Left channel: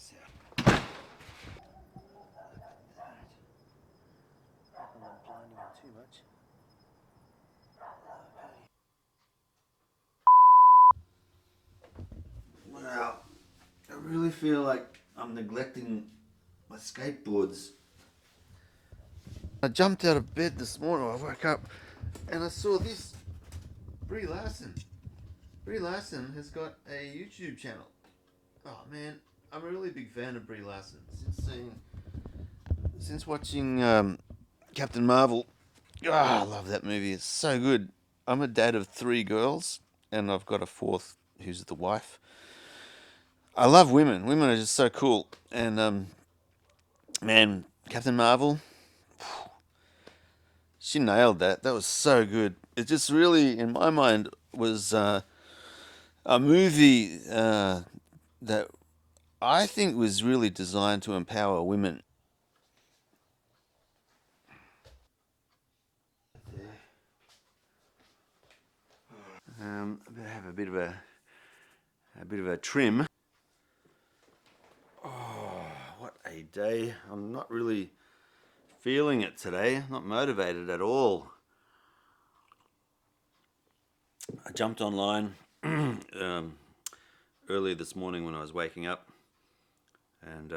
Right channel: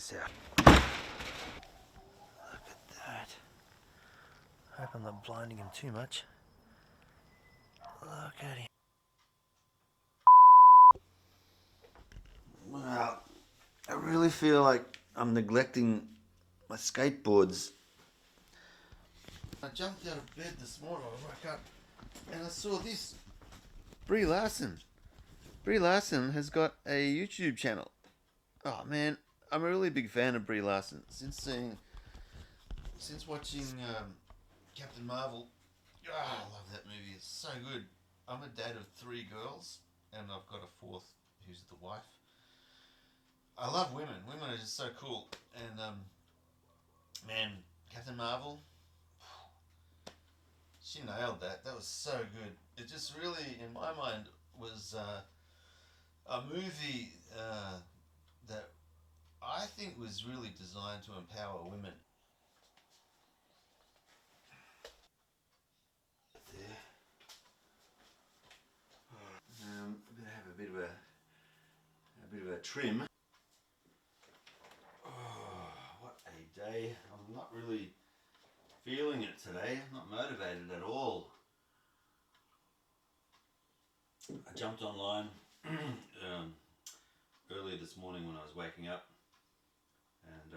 this out. Look at that. Hope I'm not blinding him too much. Look at him. Well, I really feel like I'm neglecting my skateboards. I jumped out of bed this morning. I woke up and I saw this. Brie Larson. Brie Larson has got a YouTube channel. Oh man, I'm a really big fan of Brie Larson since watching Captain Marvel. Oh, I love that movie. It's so good. I'm a dad of 3 girls, and I've got a 4th who's the wife. I love women. Women are just so cool. And man, Captain Marvel, she nailed that. That was so good. It just really, in my mind, was a movie that I think was really designed to empower women. I'm gonna have a bit of a trim. Oh, what a day! I'm not really feeling it today. Not motivated at all. I jumped online earlier this morning when I was waking up, and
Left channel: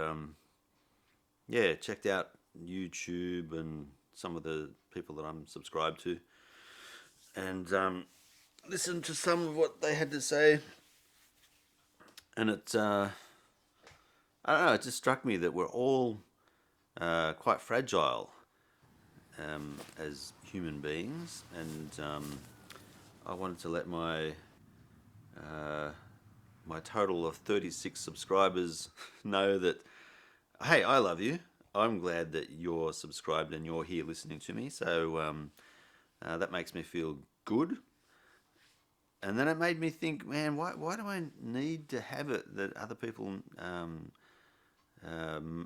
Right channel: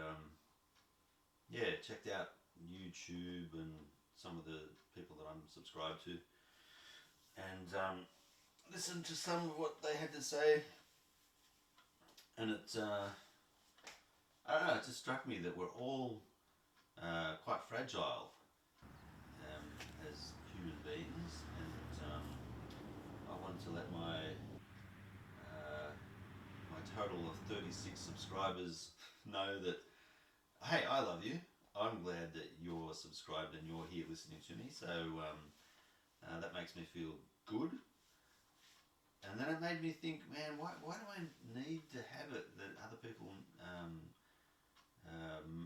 yeah, checked out YouTube and some of the people that I'm subscribed to, and listened to some of what they had to say, and I don't know, it just struck me that we're all quite fragile as human beings, and I wanted to let my total of 36 subscribers know that, hey, I love you. I'm glad that you're subscribed and you're here listening to me. So that makes me feel good. And then it made me think, man, why do I need to have it that other people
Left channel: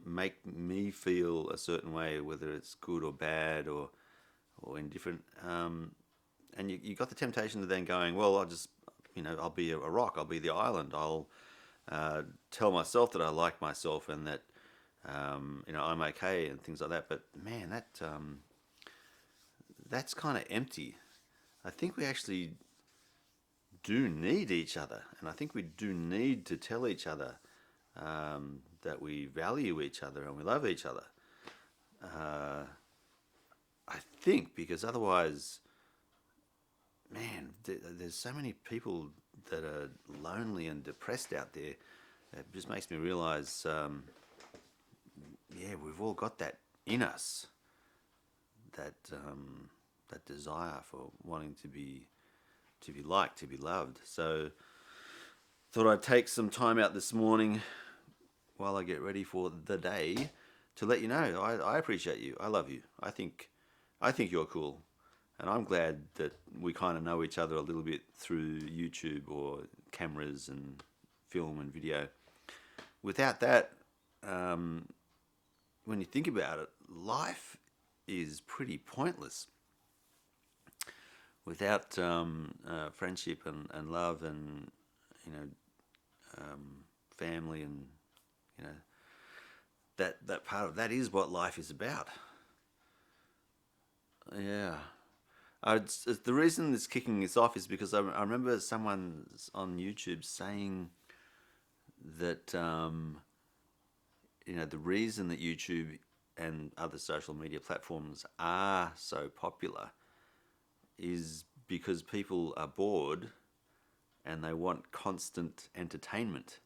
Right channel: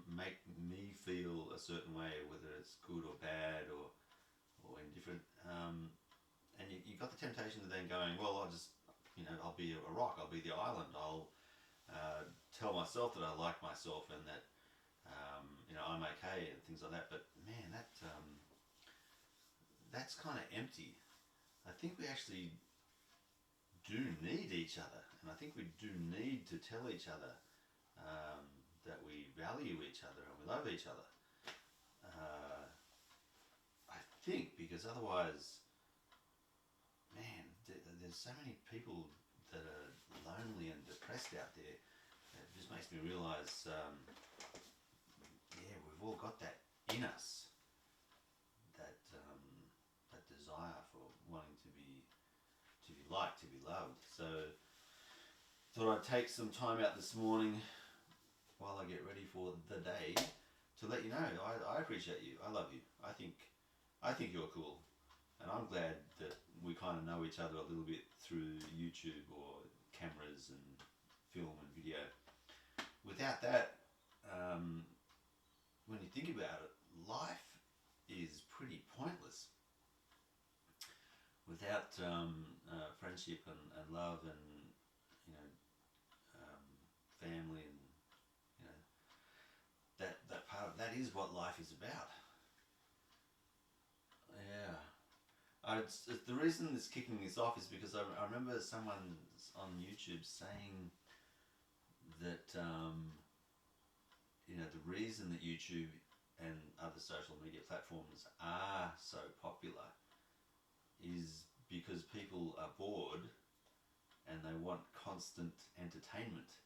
make me feel a certain way, whether it's good or bad or indifferent? And you got the temptation of then going, well, I'll be a rock, I'll be the island, I'll tell myself that I like myself and that I'm okay and things like that. But man, that's kind of empty. I think we actually do need each other, and I think we do need to tell each other that we value each other and we love each other. I think because otherwise, man, there's so many people that are lonely and depressed out there. It just makes me realize, yeah, we've all got that in us, that that desire for wanting to be liked, to be loved. So, thought I'd take some time out this morning while I get ready for the day to let you know I appreciate you. I love you. I think you're cool. And I'm glad that we kind of know each other a little bit through YouTube or cameras and film and video. Without that, when you think about it, life is pretty pointless. Without friendship and love and family and that part of that is what life is about. Yeah. The reason it's kicking this off is because I remember someone on YouTube saying that the reason that YouTube and other social media platforms are so popular is because people are bored and they want constant entertainment,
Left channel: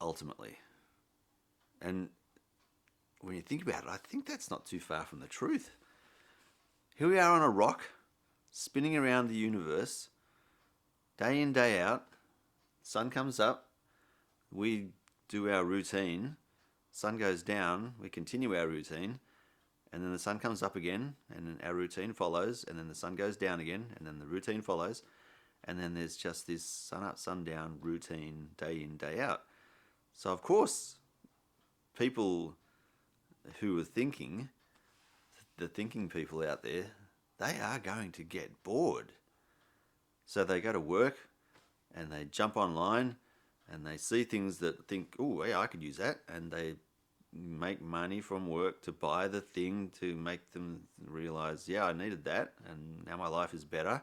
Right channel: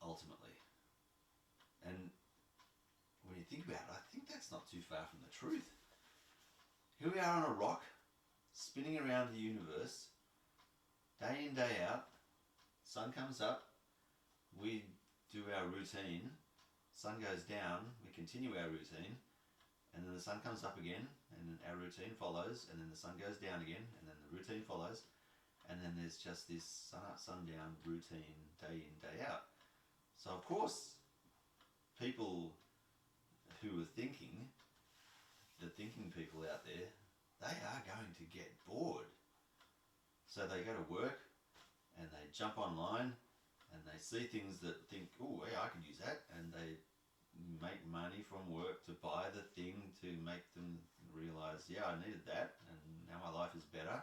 ultimately. And when you think about it, I think that's not too far from the truth. Here we are on a rock, spinning around the universe, day in, day out. Sun comes up, we do our routine. Sun goes down, we continue our routine. And then the sun comes up again, and then our routine follows. And then the sun goes down again, and then the routine follows. And then there's just this sun up, sun down routine, day in, day out. So, of course, people who are thinking, the thinking people out there, they are going to get bored. So they go to work and they jump online and they see things that think, oh, yeah, I could use that, and they make money from work to buy the thing to make them realize, yeah, I needed that, and now my life is better.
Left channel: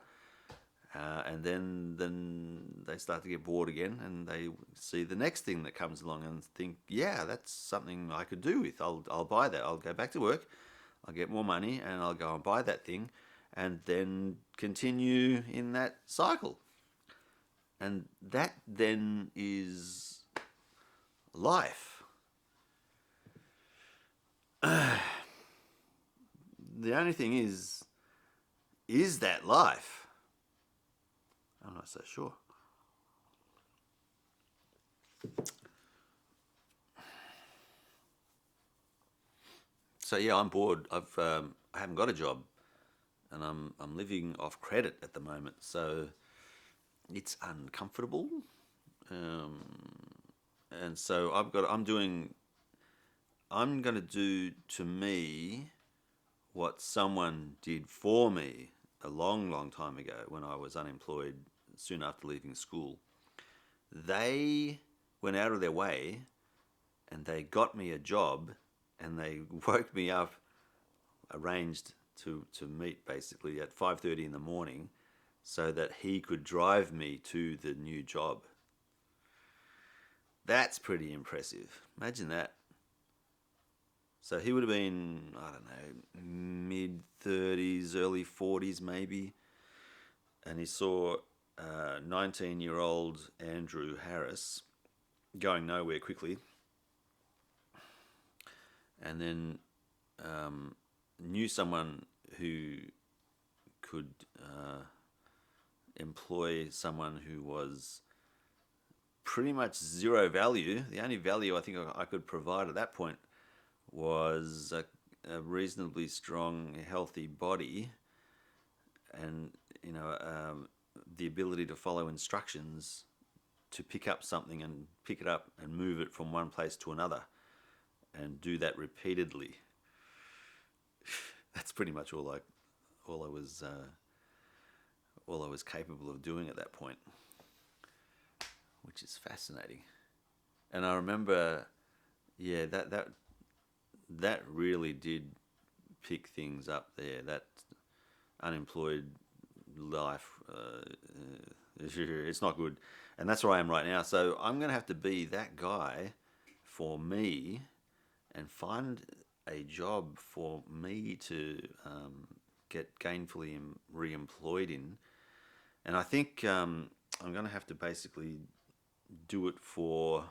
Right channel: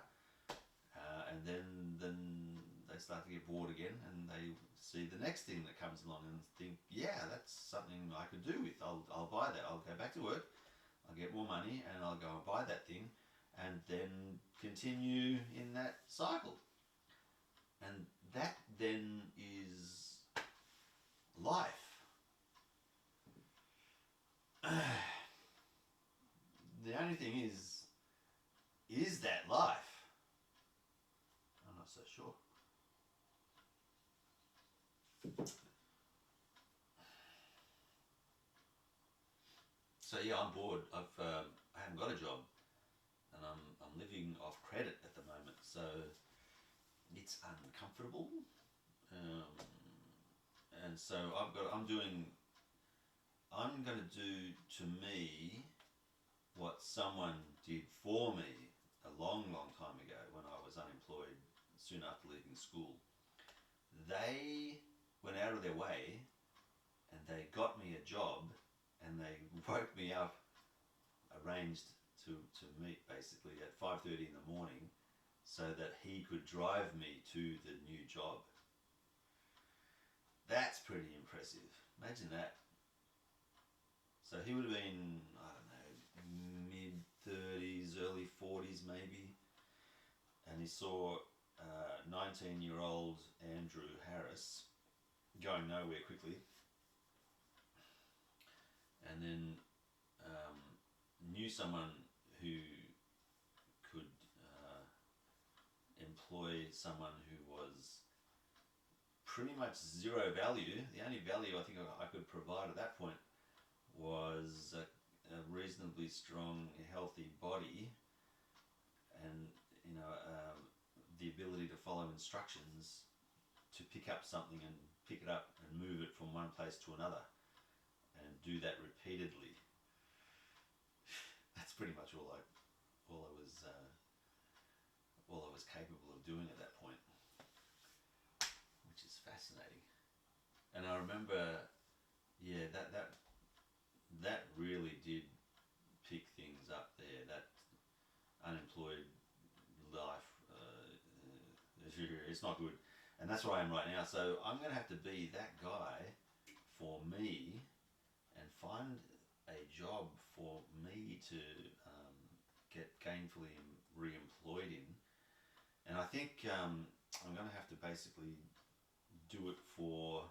And then they start to get bored again, and they see the next thing that comes along and think, yeah, that's something I could do with. I'll buy that. I'll go back to work. I'll get more money, and I'll go and buy that thing, and then continue in that cycle. And that then is life. The only thing is that life? I'm not so sure. So yeah, I'm bored. I haven't got a job, and I'm living off credit at the moment. So it's uncomfortable, um, and so I'm going to do to me what someone did for me a long, long time ago when I was unemployed soon after leaving school. They went out of their way and they got me a job, and they woke me up, arranged to meet basically at 5:30 in the morning so that he could drive me to the new job. That's pretty impressive. Imagine that. So he would have been, I don't know, mid 30s, early 40s maybe. And he saw 19-year-old Andrew Harris going nowhere quickly. And then knew someone who could employ someone who was pretty much zero value. The only value I think I could provide at that point was a reasonably strong, healthy body, and the ability to follow instructions to pick up something and pick it up and move it from one place to another, and do that repeatedly. That's pretty much all I was capable of doing at that point, which is fascinating. And I remember, yeah, that really did pick things up there. That unemployed life, it's not good, and that's where I am right now. So I'm gonna have to be that guy for me and find a job for me to get gainfully re-employed in. And I think I'm going to have to basically do it for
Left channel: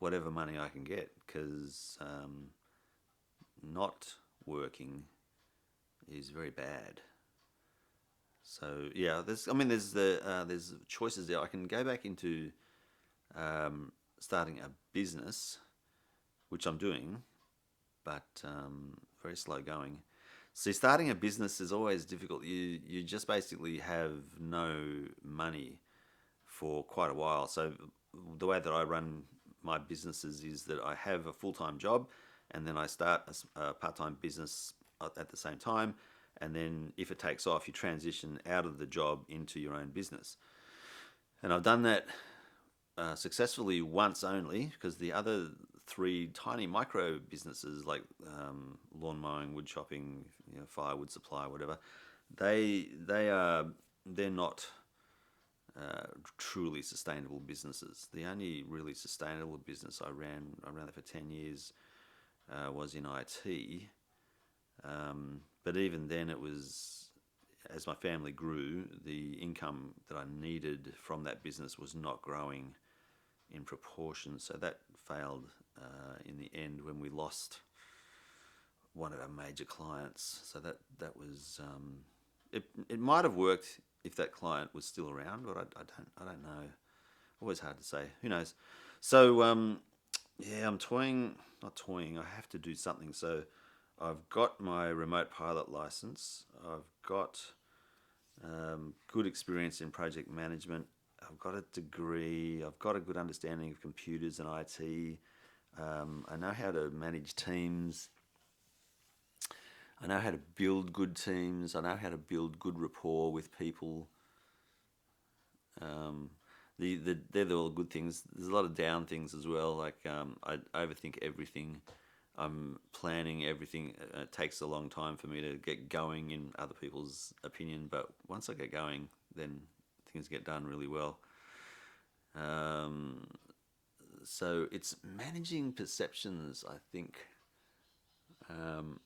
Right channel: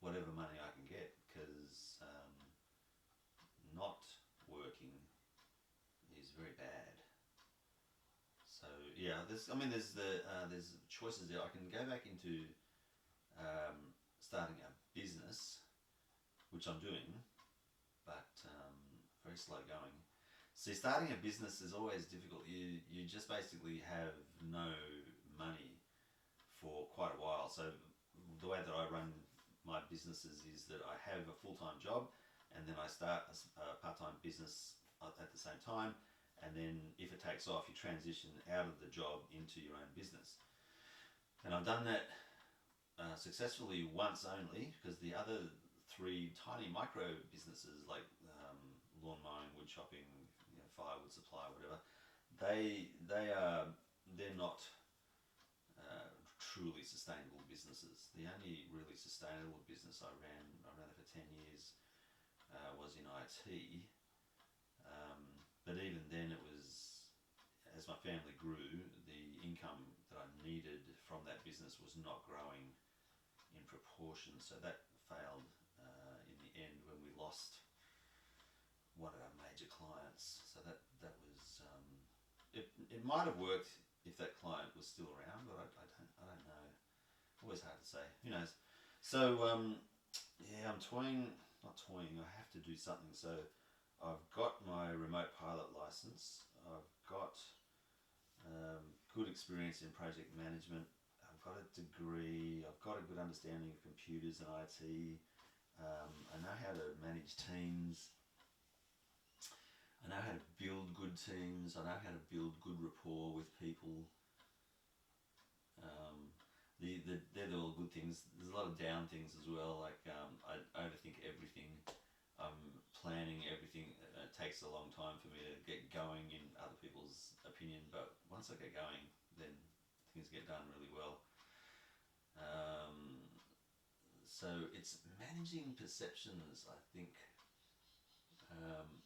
whatever money I can get, because not working is very bad. So yeah, there's choices there. I can go back into starting a business, which I'm doing, but very slow going. See, starting a business is always difficult. You just basically have no money for quite a while. So the way that I run my businesses is that I have a full-time job, and then I start a part-time business at the same time, and then if it takes off, you transition out of the job into your own business. And I've done that successfully once only, because the other three tiny micro businesses like lawn mowing, wood chopping, firewood supply, whatever, they're not truly sustainable businesses. The only really sustainable business I ran that for 10 years, was in IT. But even then, it was, as my family grew, the income that I needed from that business was not growing in proportion. So that failed in the end when we lost one of our major clients. So that was it might have worked if that client was still around, but I don't know. Always hard to say. Who knows? So yeah, I'm not toying. I have to do something. So I've got my remote pilot license. I've got good experience in project management. I've got a degree. I've got a good understanding of computers and IT. I know how to manage teams. I know how to build good teams. I know how to build good rapport with people. they're all good things. There's a lot of down things as well. Like I overthink everything. I'm planning everything. It takes a long time for me to get going in other people's opinion, but once I get going, then things get done really well. Um, so it's managing perceptions, I think, um,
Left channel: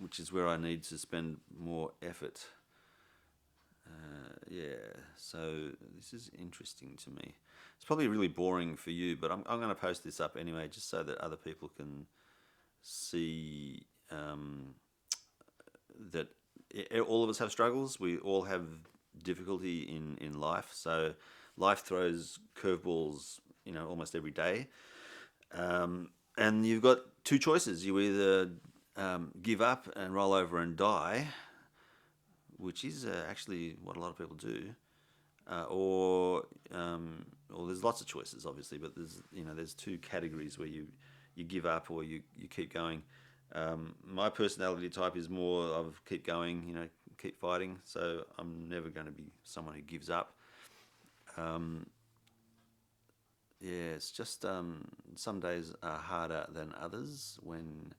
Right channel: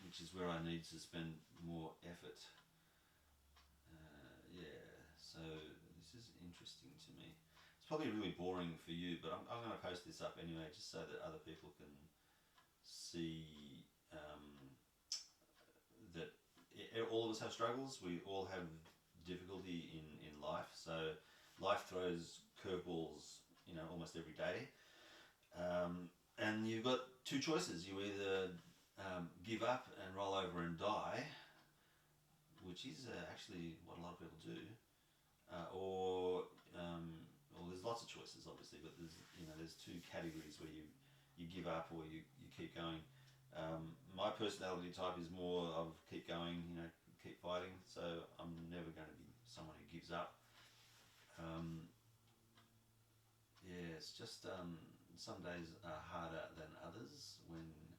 which is where I need to spend more effort. Yeah, so this is interesting to me. It's probably really boring for you, but I'm going to post this up anyway, just so that other people can see that all of us have struggles. We all have difficulty in life. So life throws curveballs, almost every day. And you've got two choices. You either give up and roll over and die, which is actually what a lot of people do, or well, there's lots of choices, obviously, but there's two categories where you give up or you keep going. My personality type is more of keep going, keep fighting. So I'm never going to be someone who gives up. Yeah, it's just some days are harder than others when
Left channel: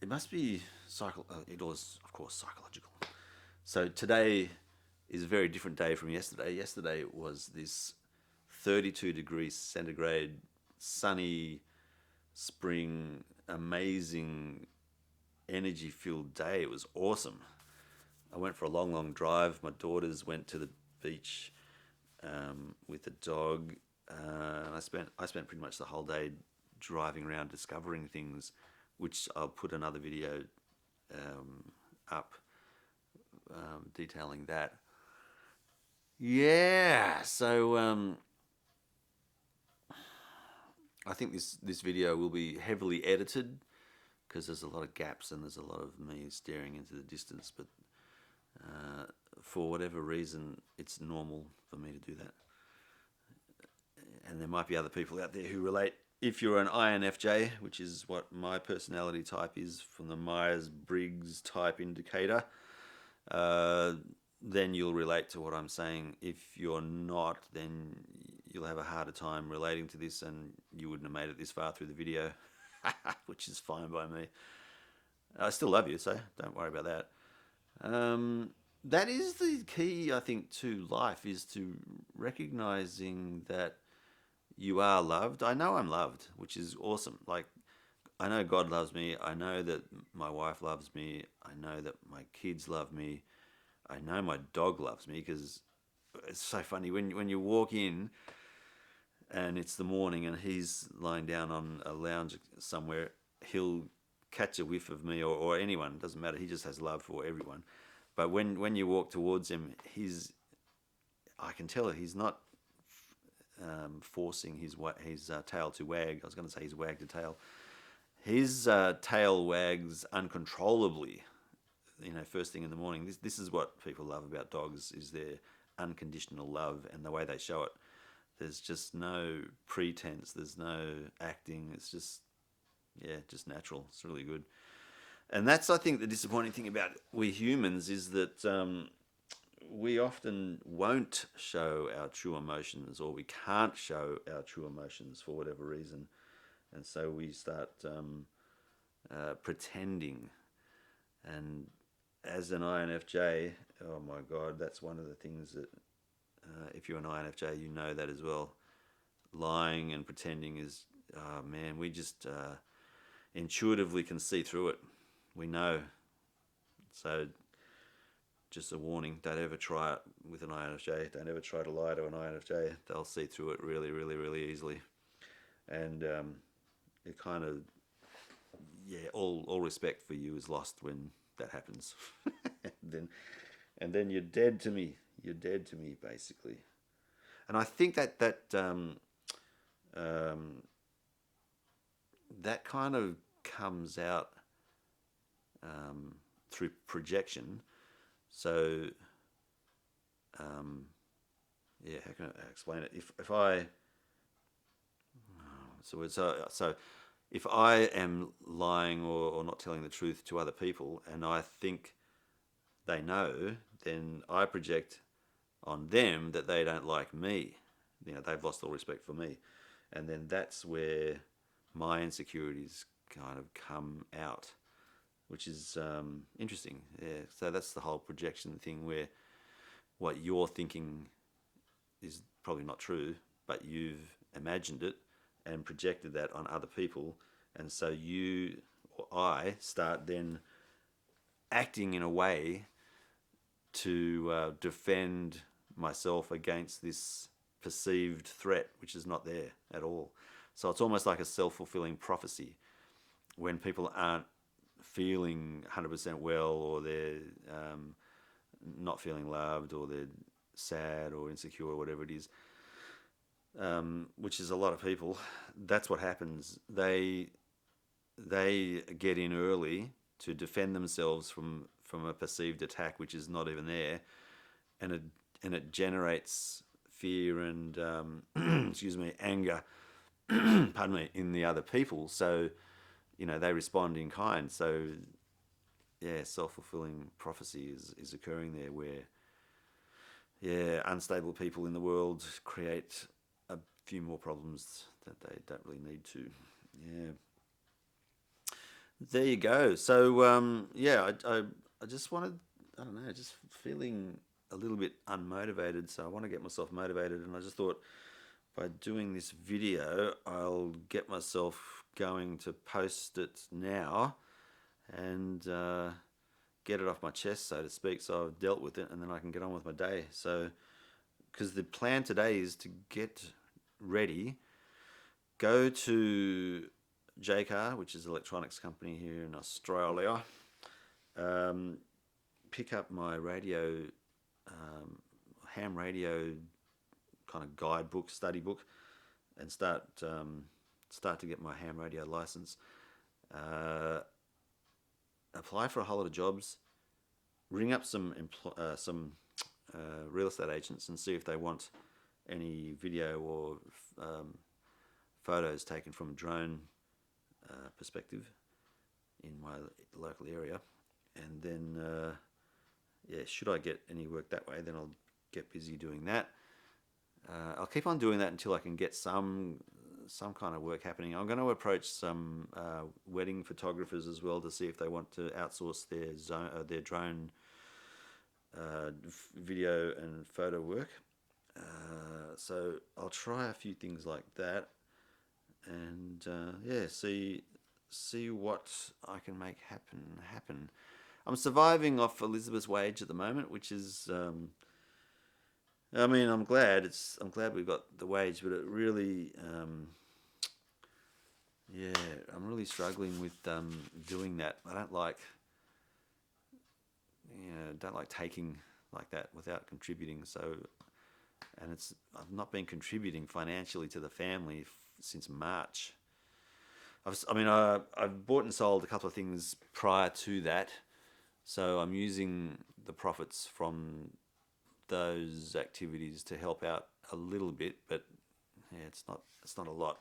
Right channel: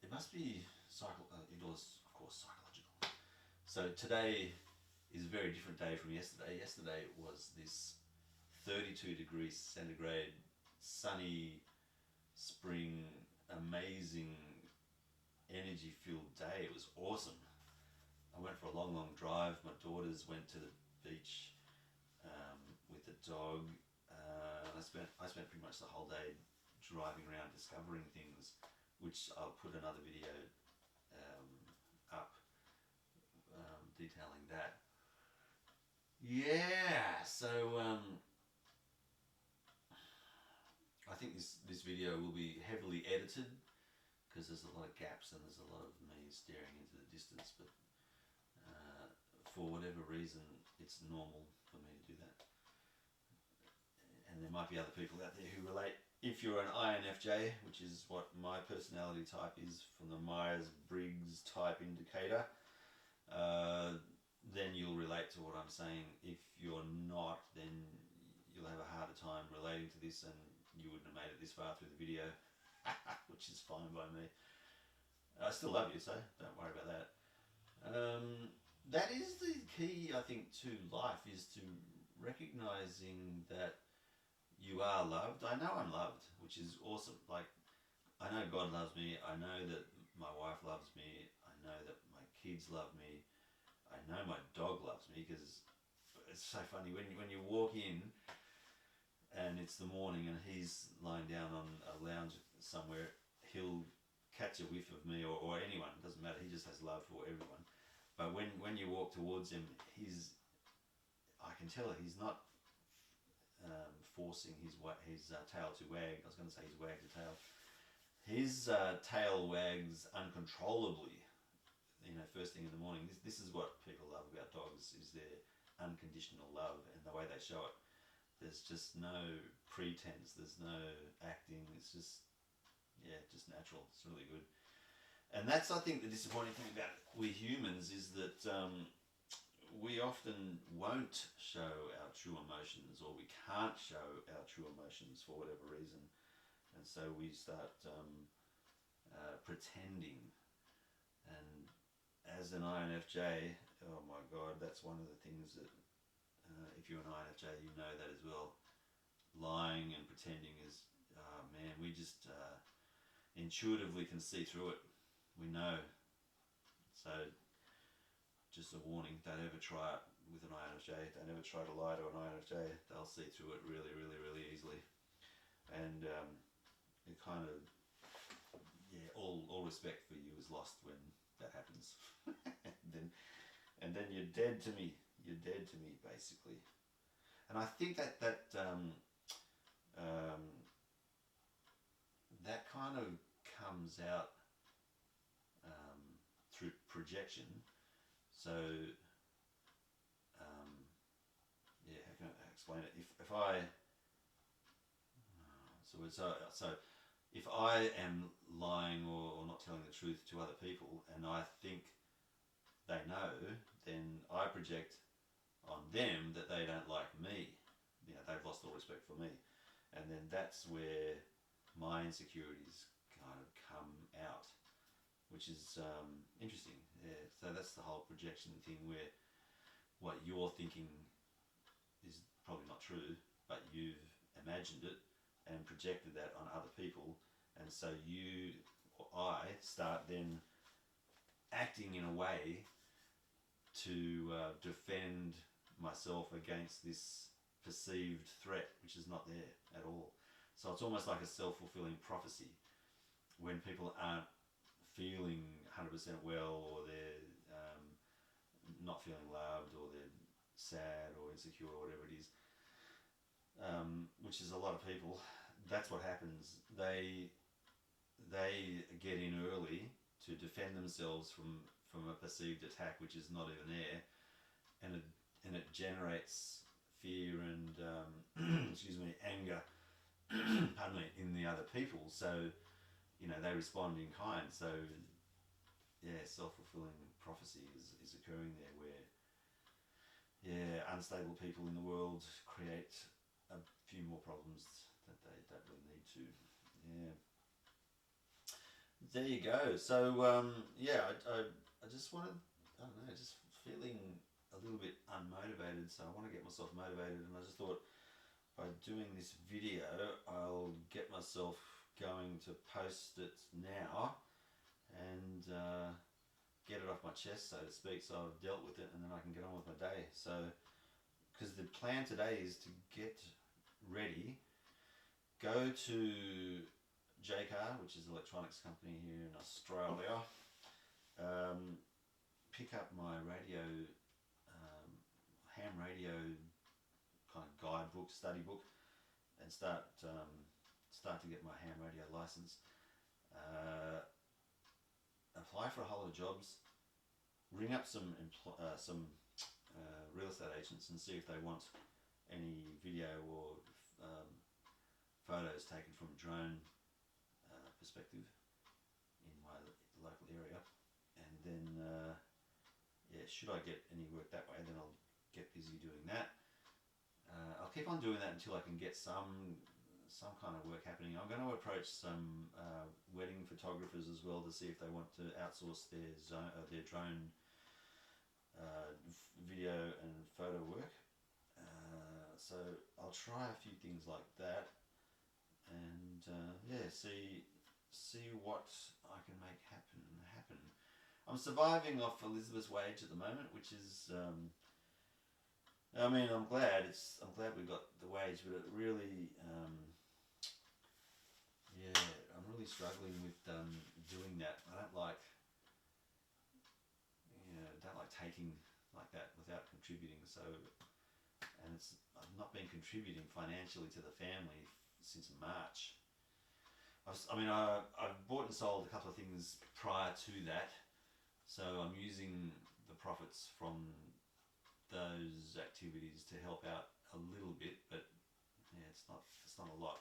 it must be it was, of course, psychological. So today is a very different day from yesterday. Yesterday was this 32 degrees centigrade, sunny, spring, amazing, energy-filled day. It was awesome. I went for a long, long drive. My daughters went to the beach with the dog. I spent pretty much the whole day driving around, discovering things, which I'll put another video up detailing that. Yeah, so I think this video will be heavily edited because there's a lot of gaps and there's a lot of me staring into the distance, but for whatever reason, it's normal for me to do that. And there might be other people out there who relate. If you're an INFJ, which is what my personality type is from the Myers-Briggs type indicator, then you'll relate to what I'm saying. If you're not, then you'll have a harder time relating to this, and you wouldn't have made it this far through the video, which is fine by me. I still love you, so don't worry about that. That is the key, I think, to life, is to recognizing that you are loved. I know I'm loved, which is awesome. Like, I know God loves me. I know that my wife loves me. I know that my kids love me. I know my dog loves me, because it's so funny when you walk in and it's the morning and he's lying down on a lounge somewhere, he'll catch a whiff of me or anyone, doesn't matter. He just has love for everyone. But when you walk towards him, I can tell he's not forcing his tail to wag. I was going to say he's wagged a tail. His tail wags uncontrollably, first thing in the morning. This is what people love about dogs, is their unconditional love and the way they show it. There's just no pretense. There's no acting. It's just natural. It's really good. And that's, I think, the disappointing thing about we humans is that we often won't show our true emotions, or we can't show our true emotions for whatever reason. And so we start pretending. And as an INFJ, oh my God, that's one of the things that, if you're an INFJ, you know that as well. Lying and pretending is, oh man, we just intuitively can see through it. We know. So just a warning, don't ever try it with an INFJ. Don't ever try to lie to an INFJ. They'll see through it really, really, really easily. And it kind of, all respect for you is lost when that happens. and then you're dead to me. You're dead to me, basically. And I think that kind of comes out through projection. So, how can I explain it? If I, so if I am lying or not telling the truth to other people, and I think they know, then I project on them that they don't like me. They've lost all respect for me. And then that's where my insecurities kind of come out, which is interesting. Yeah. So that's the whole projection thing, where what you're thinking is probably not true, but you've imagined it and projected that on other people. And so you or I start then acting in a way to defend myself against this perceived threat, which is not there at all. So it's almost like a self-fulfilling prophecy. When people aren't feeling 100% well, or they're not feeling loved, or they're sad or insecure, or whatever it is, which is a lot of people, that's what happens. They get in early to defend themselves from a perceived attack, which is not even there, and it generates fear and excuse me, anger, pardon me, in the other people. So they respond in kind. So yeah, self-fulfilling prophecy is occurring there, where unstable people in the world create a few more problems that they don't really need to. Yeah. There you go. So I just wanted, I don't know, just feeling a little bit unmotivated. So I want to get myself motivated, and I just thought by doing this video, I'll get myself going to post it now and get it off my chest, so to speak. So I've dealt with it, and then I can get on with my day. So, because the plan today is to get ready, go to JCar, which is an electronics company here in Australia, pick up my radio, ham radio kind of guidebook, study book, and start to get my ham radio license. Apply for a whole lot of jobs, ring up some real estate agents and see if they want any video or photos taken from a drone perspective in my local area. And then should I get any work that way, then I'll get busy doing that. I'll keep on doing that until I can get some kind of work happening. I'm going to approach some wedding photographers as well to see if they want to outsource their drone video and photo work. So I'll try a few things like that, and see what I can make happen. I'm surviving off Elizabeth's wage at the moment, which is I'm glad we've got the wage, but it really I'm really struggling with doing that. I don't like taking like that without contributing. So, and I've not been contributing financially to the family since March. I've bought and sold a couple of things prior to that, so I'm using the profits from those activities to help out a little bit, but it's not a lot,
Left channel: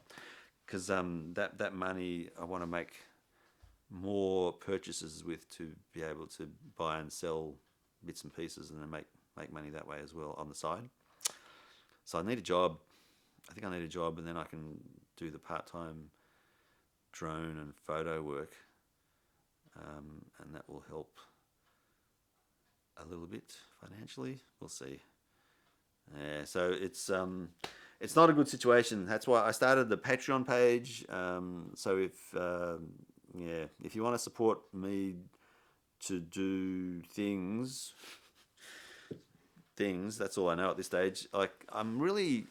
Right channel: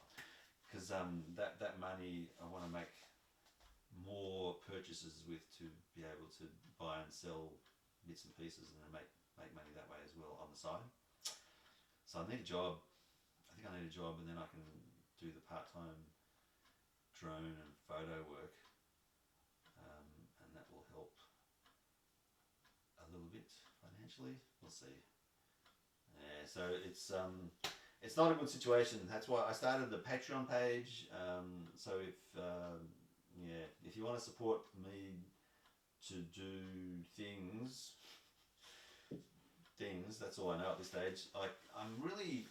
because that money I want to make more purchases with, to be able to buy and sell bits and pieces, and then make money that way as well on the side. So I need a job. I think I need a job, and then I can do the part-time drone and photo work, and that will help a little bit financially. We'll see. Yeah, so it's not a good situation. That's why I started the Patreon page. So if you want to support me to do things, that's all I know at this stage. Like, I'm really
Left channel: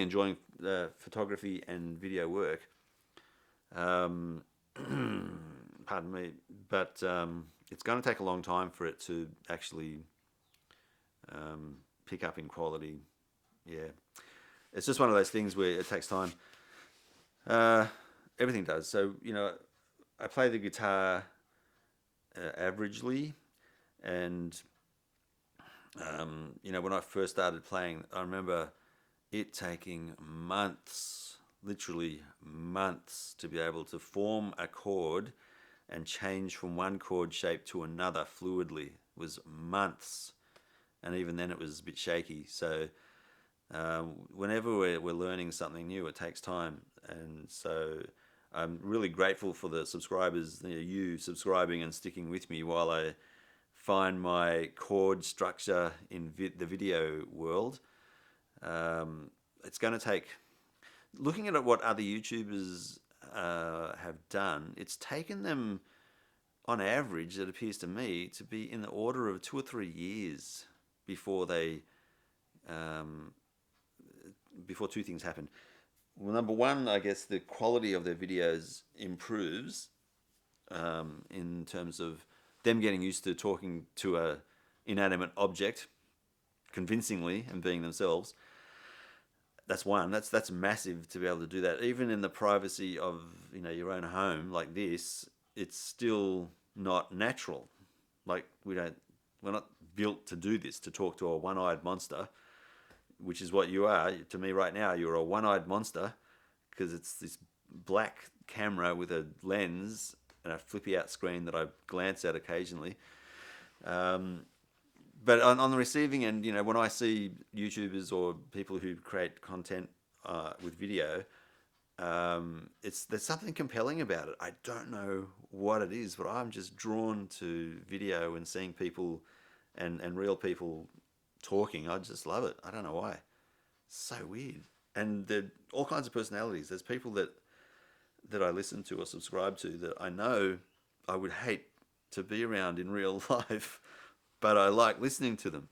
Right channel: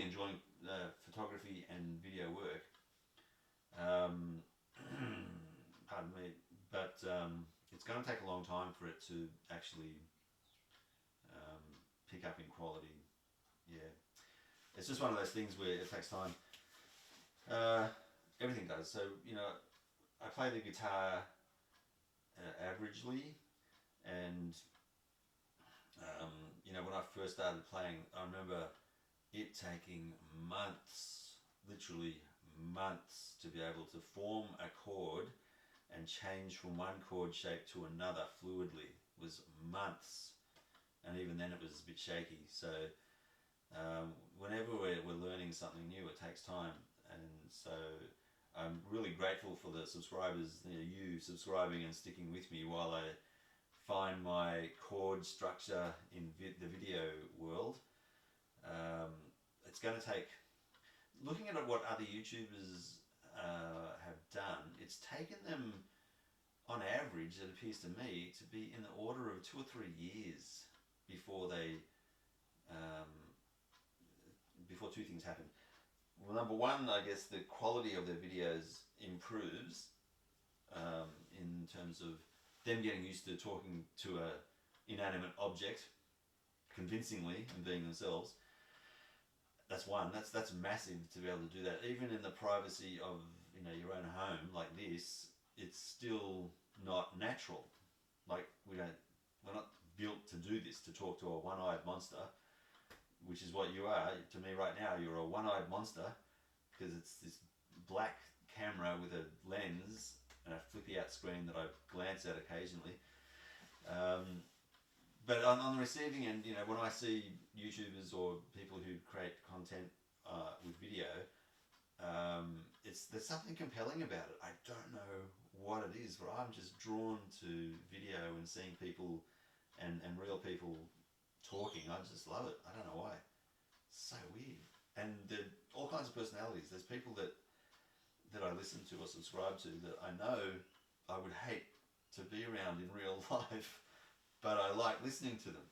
enjoying photography and video work. Pardon me, but it's going to take a long time for it to actually pick up in quality. Yeah, it's just one of those things where it takes time. Everything does. So I play the guitar averagely, and when I first started playing, I remember it taking months, literally months, to be able to form a chord and change from one chord shape to another fluidly. It was months. and even then it was a bit shaky. So whenever we're learning something new, it takes time, and so I'm really grateful for the subscribers, you subscribing and sticking with me while I find my chord structure in the video world. It's going to take, looking at what other YouTubers have done, it's taken them, on average, it appears to me, to be in the order of 2 or 3 years before they, before two things happen. Well, number one, I guess the quality of their videos improves in terms of them getting used to talking to a inanimate object convincingly and being themselves. That's one. That's massive to be able to do that, even in the privacy of your own home like this. It's still not natural. Like we're not built to do this, to talk to a one-eyed monster, which is what you are to me right now. You're a one-eyed monster because it's this black camera with a lens and a flippy out screen that I glance at occasionally. But on the receiving end, when I see YouTubers or people who create content with video, there's something compelling about it. I don't know what it is, but I'm just drawn to video and seeing people and real people talking. I just love it. I don't know why. It's so weird. And there are all kinds of personalities. There's people that I listen to or subscribe to that I know I would hate to be around in real life, but I like listening to them.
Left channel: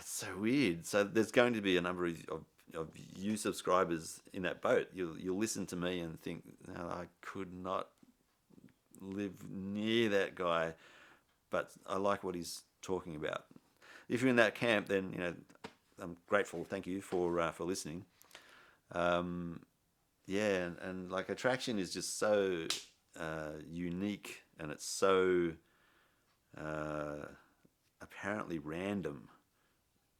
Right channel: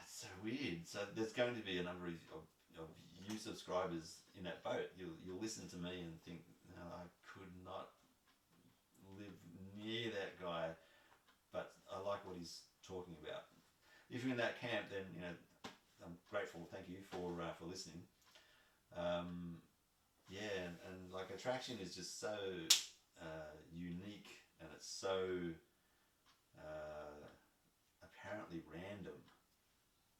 It's so weird. So there's going to be a number of you subscribers in that boat. You'll listen to me and think, no, I could not live near that guy, but I like what he's talking about. If you're in that camp, then I'm grateful. Thank you for listening. Yeah, and like attraction is just so unique, and it's so apparently random.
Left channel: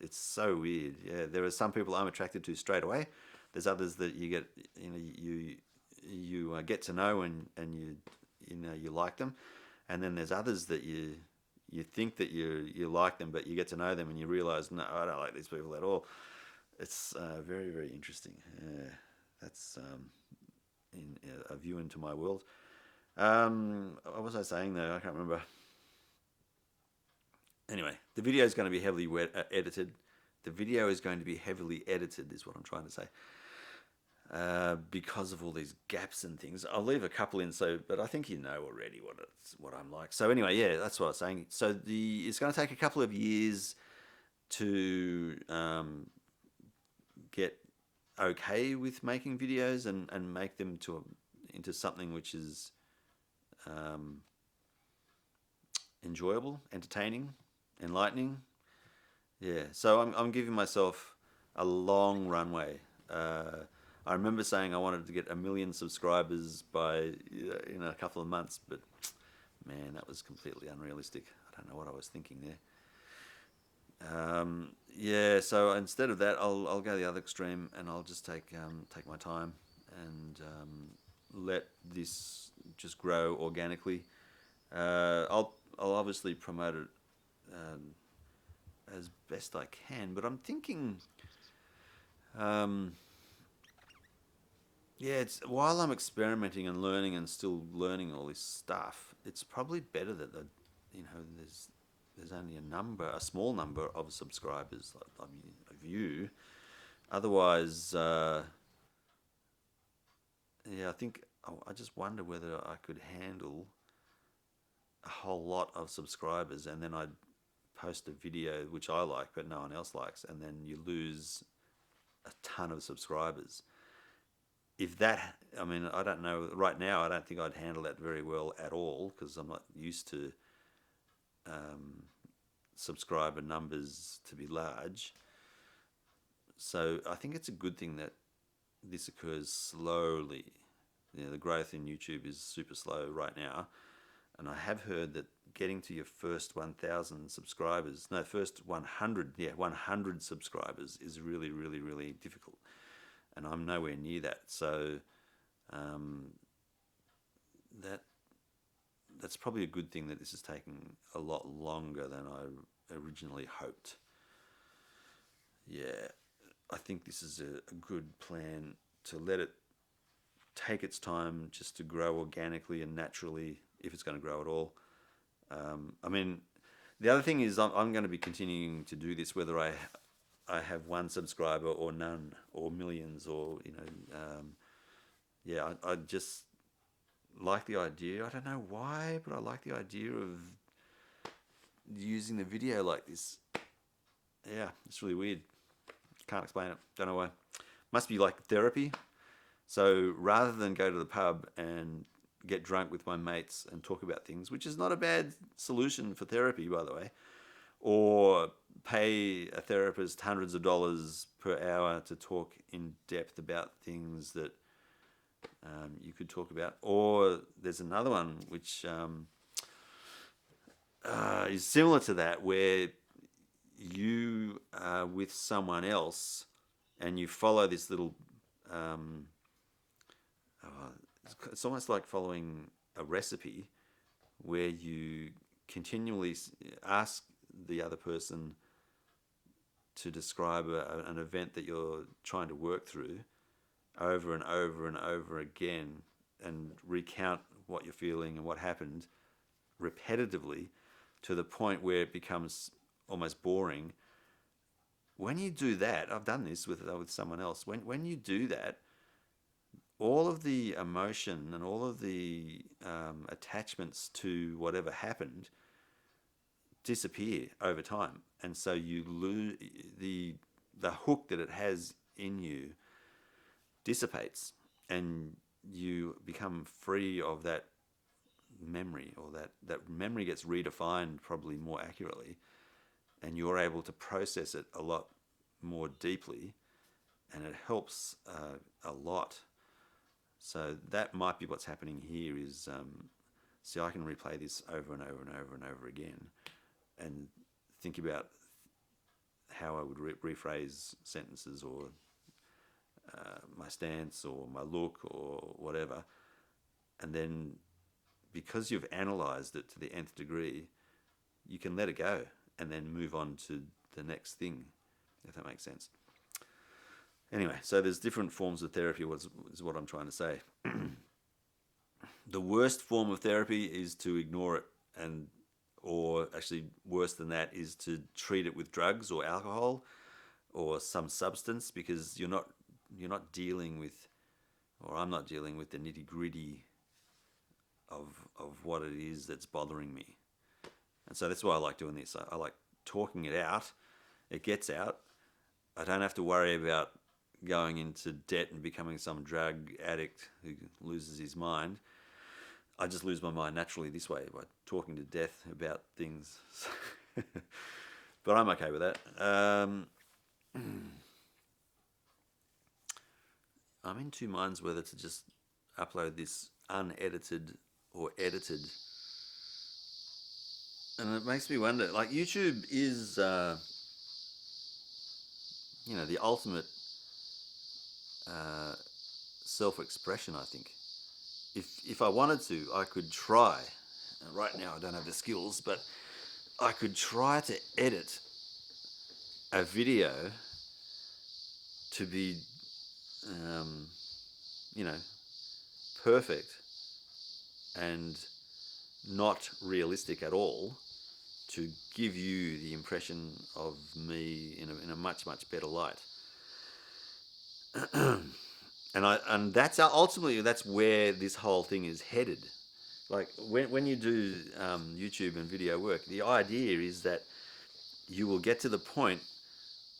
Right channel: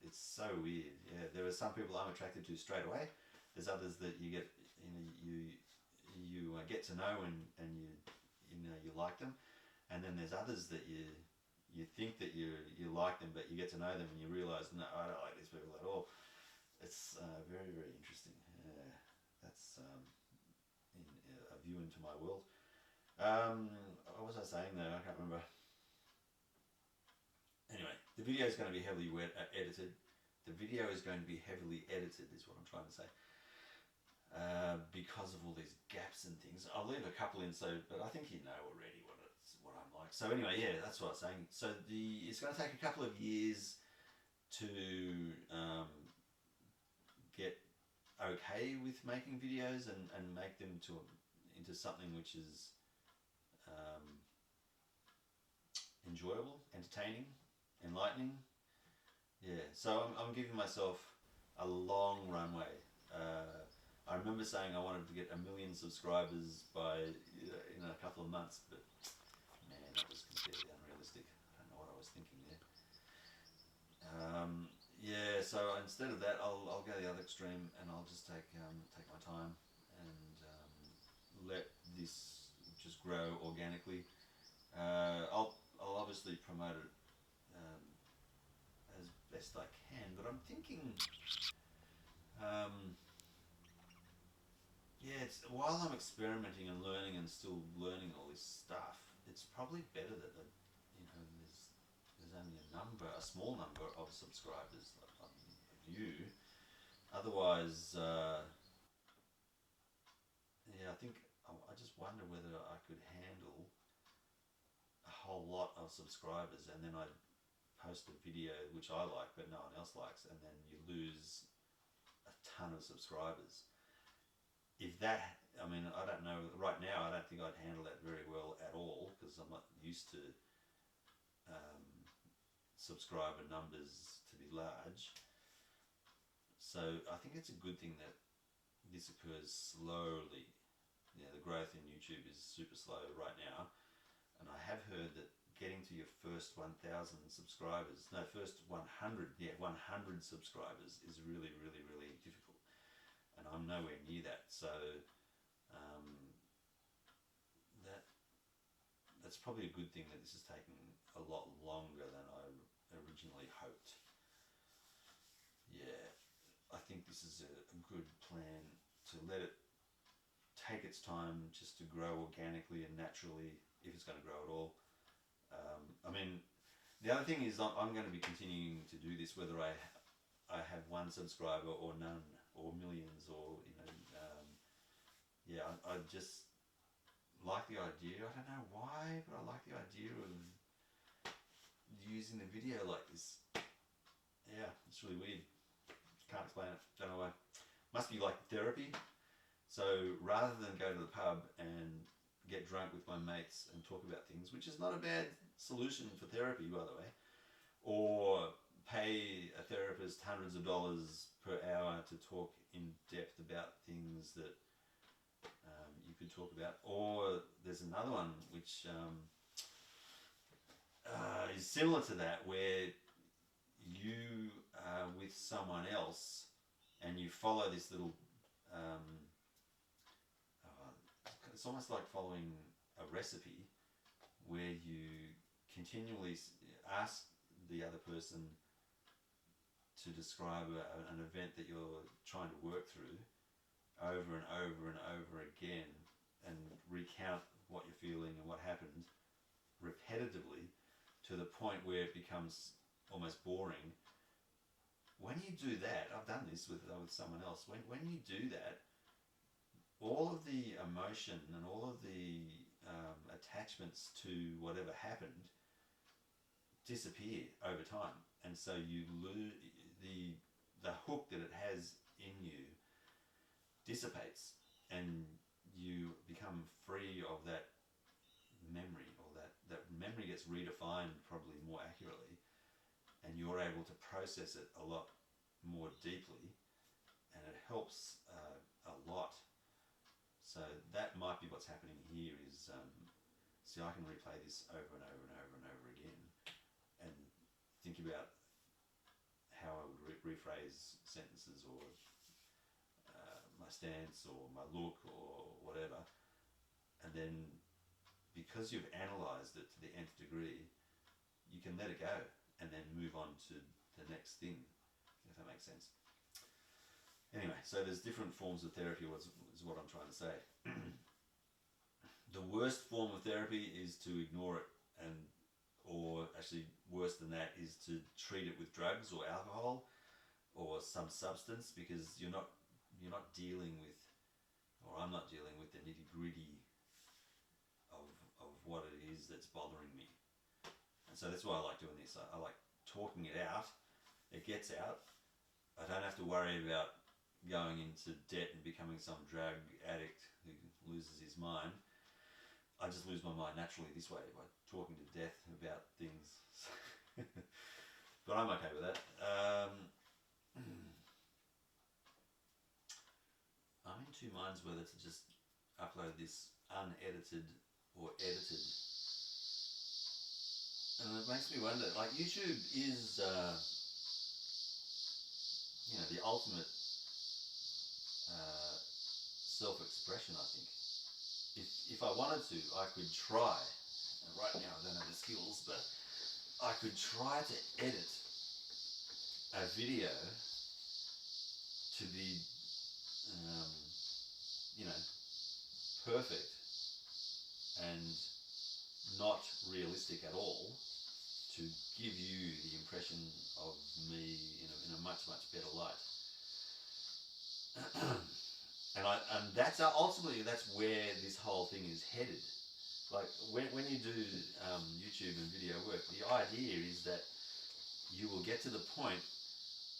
It's so weird. Yeah, there are some people I'm attracted to straight away. There's others that you get, you get to know and you like them, and then there's others that you think that you like them, but you get to know them and you realize, no, I don't like these people at all. It's very, very interesting. That's a view into my world. What was I saying though? I can't remember. Anyway, the video is going to be heavily edited. The video is going to be heavily edited, is what I'm trying to say. Because of all these gaps and things. I'll leave a couple in, but I think you know already what I'm like. So anyway, yeah, that's what I was saying. So it's going to take a couple of years to get okay with making videos and make them into something which is enjoyable, entertaining, enlightening. Yeah, so I'm giving myself a long runway. I remember saying I wanted to get 1 million subscribers by in a couple of months, but man, that was completely unrealistic. I don't know what I was thinking there. Yeah, so instead of that, I'll go the other extreme, and I'll just take my time and let this just grow organically. I'll obviously promote it as best I can, but I'm thinking, yeah, it's while I'm experimenting and learning and still learning all this stuff, it's probably better that there's only a small number of subscribers of you. Otherwise, yeah, I think I just wonder whether I could handle a whole lot of subscribers, and then I'd post a video which I like but no one else likes, and then you lose a ton of subscribers. If that, I mean, I don't know. Right now, I don't think I'd handle that very well at all because I'm not used to subscriber numbers to be large. So I think it's a good thing that this occurs slowly. The growth in YouTube is super slow right now, and I have heard that getting to your first 1,000 subscribers, no, first 100, 100 subscribers is really, really, really difficult, and I'm nowhere near that. So that's probably a good thing that this is taking a lot longer than I originally hoped. Yeah, I think this is a good plan to let it take its time just to grow organically and naturally, if it's going to grow at all. I mean, the other thing is I'm going to be continuing to do this whether I have one subscriber or none or millions or yeah, I just like the idea. I don't know why, but I like the idea of using the video like this. Yeah, it's really weird. Can't explain it. Don't know why. Must be like therapy. So rather than go to the pub and get drunk with my mates and talk about things, which is not a bad solution for therapy, by the way, or pay a therapist hundreds of dollars per hour to talk in depth about things that you could talk about. Or there's another one which is similar to that, where you are with someone else and you follow this little it's almost like following a recipe where you continually ask the other person to describe an event that you're trying to work through over and over and over again, and recount what you're feeling and what happened repetitively to the point where it becomes almost boring. When you do that, I've done this with someone else. When you do that, all of the emotion and all of the attachments to whatever happened disappear over time, and so you lose the hook that it has in you dissipates, and you become free of that memory, or that memory gets redefined probably more accurately, and you're able to process it a lot more deeply, and it helps a lot. So that might be what's happening here is, see, I can replay this over and over and over and over again and think about how I would rephrase sentences, or my stance or my look or whatever. And then because you've analysed it to the nth degree, you can let it go and then move on to the next thing, if that makes sense. Anyway, so there's different forms of therapy, is what I'm trying to say. The worst form of therapy is to ignore it, or actually worse than that is to treat it with drugs or alcohol or some substance, because you're not dealing with, or I'm not dealing with the nitty-gritty of what it is that's bothering me. And so that's why I like doing this. I like talking it out. It gets out. I don't have to worry about going into debt and becoming some drug addict who loses his mind. I just lose my mind naturally this way, by talking to death about things. But I'm okay with that. I'm in two minds whether to just upload this unedited or edited. And it makes me wonder, like, YouTube is, the ultimate self-expression, I think. If I wanted to, I could try. Right now I don't have the skills, but I could try to edit a video to be, perfect and not realistic at all, to give you the impression of me in a much, much better light. And that's ultimately, that's where this whole thing is headed. Like when you do YouTube and video work, the idea is that you will get to the point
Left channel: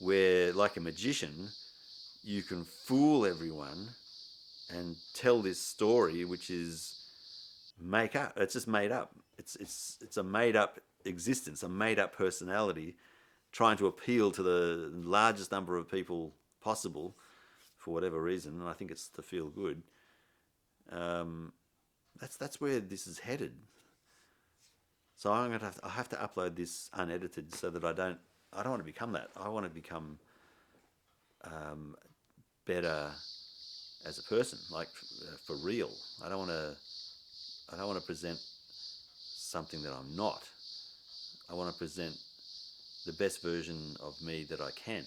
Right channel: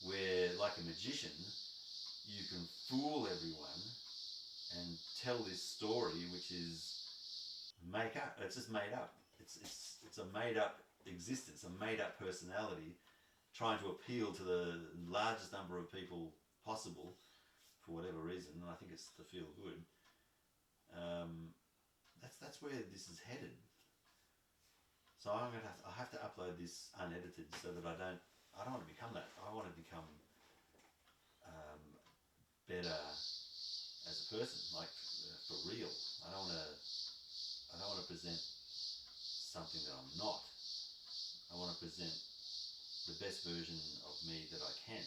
where, like a magician, you can fool everyone and tell this story, which is make up. It's just made up. It's a made up existence, a made up personality, trying to appeal to the largest number of people possible for whatever reason. And I think it's to feel good. That's where this is headed. So I have to upload this unedited, so that I don't want to become that. I want to become better as a person, like for real. I don't want to present something that I'm not. I want to present the best version of me that I can.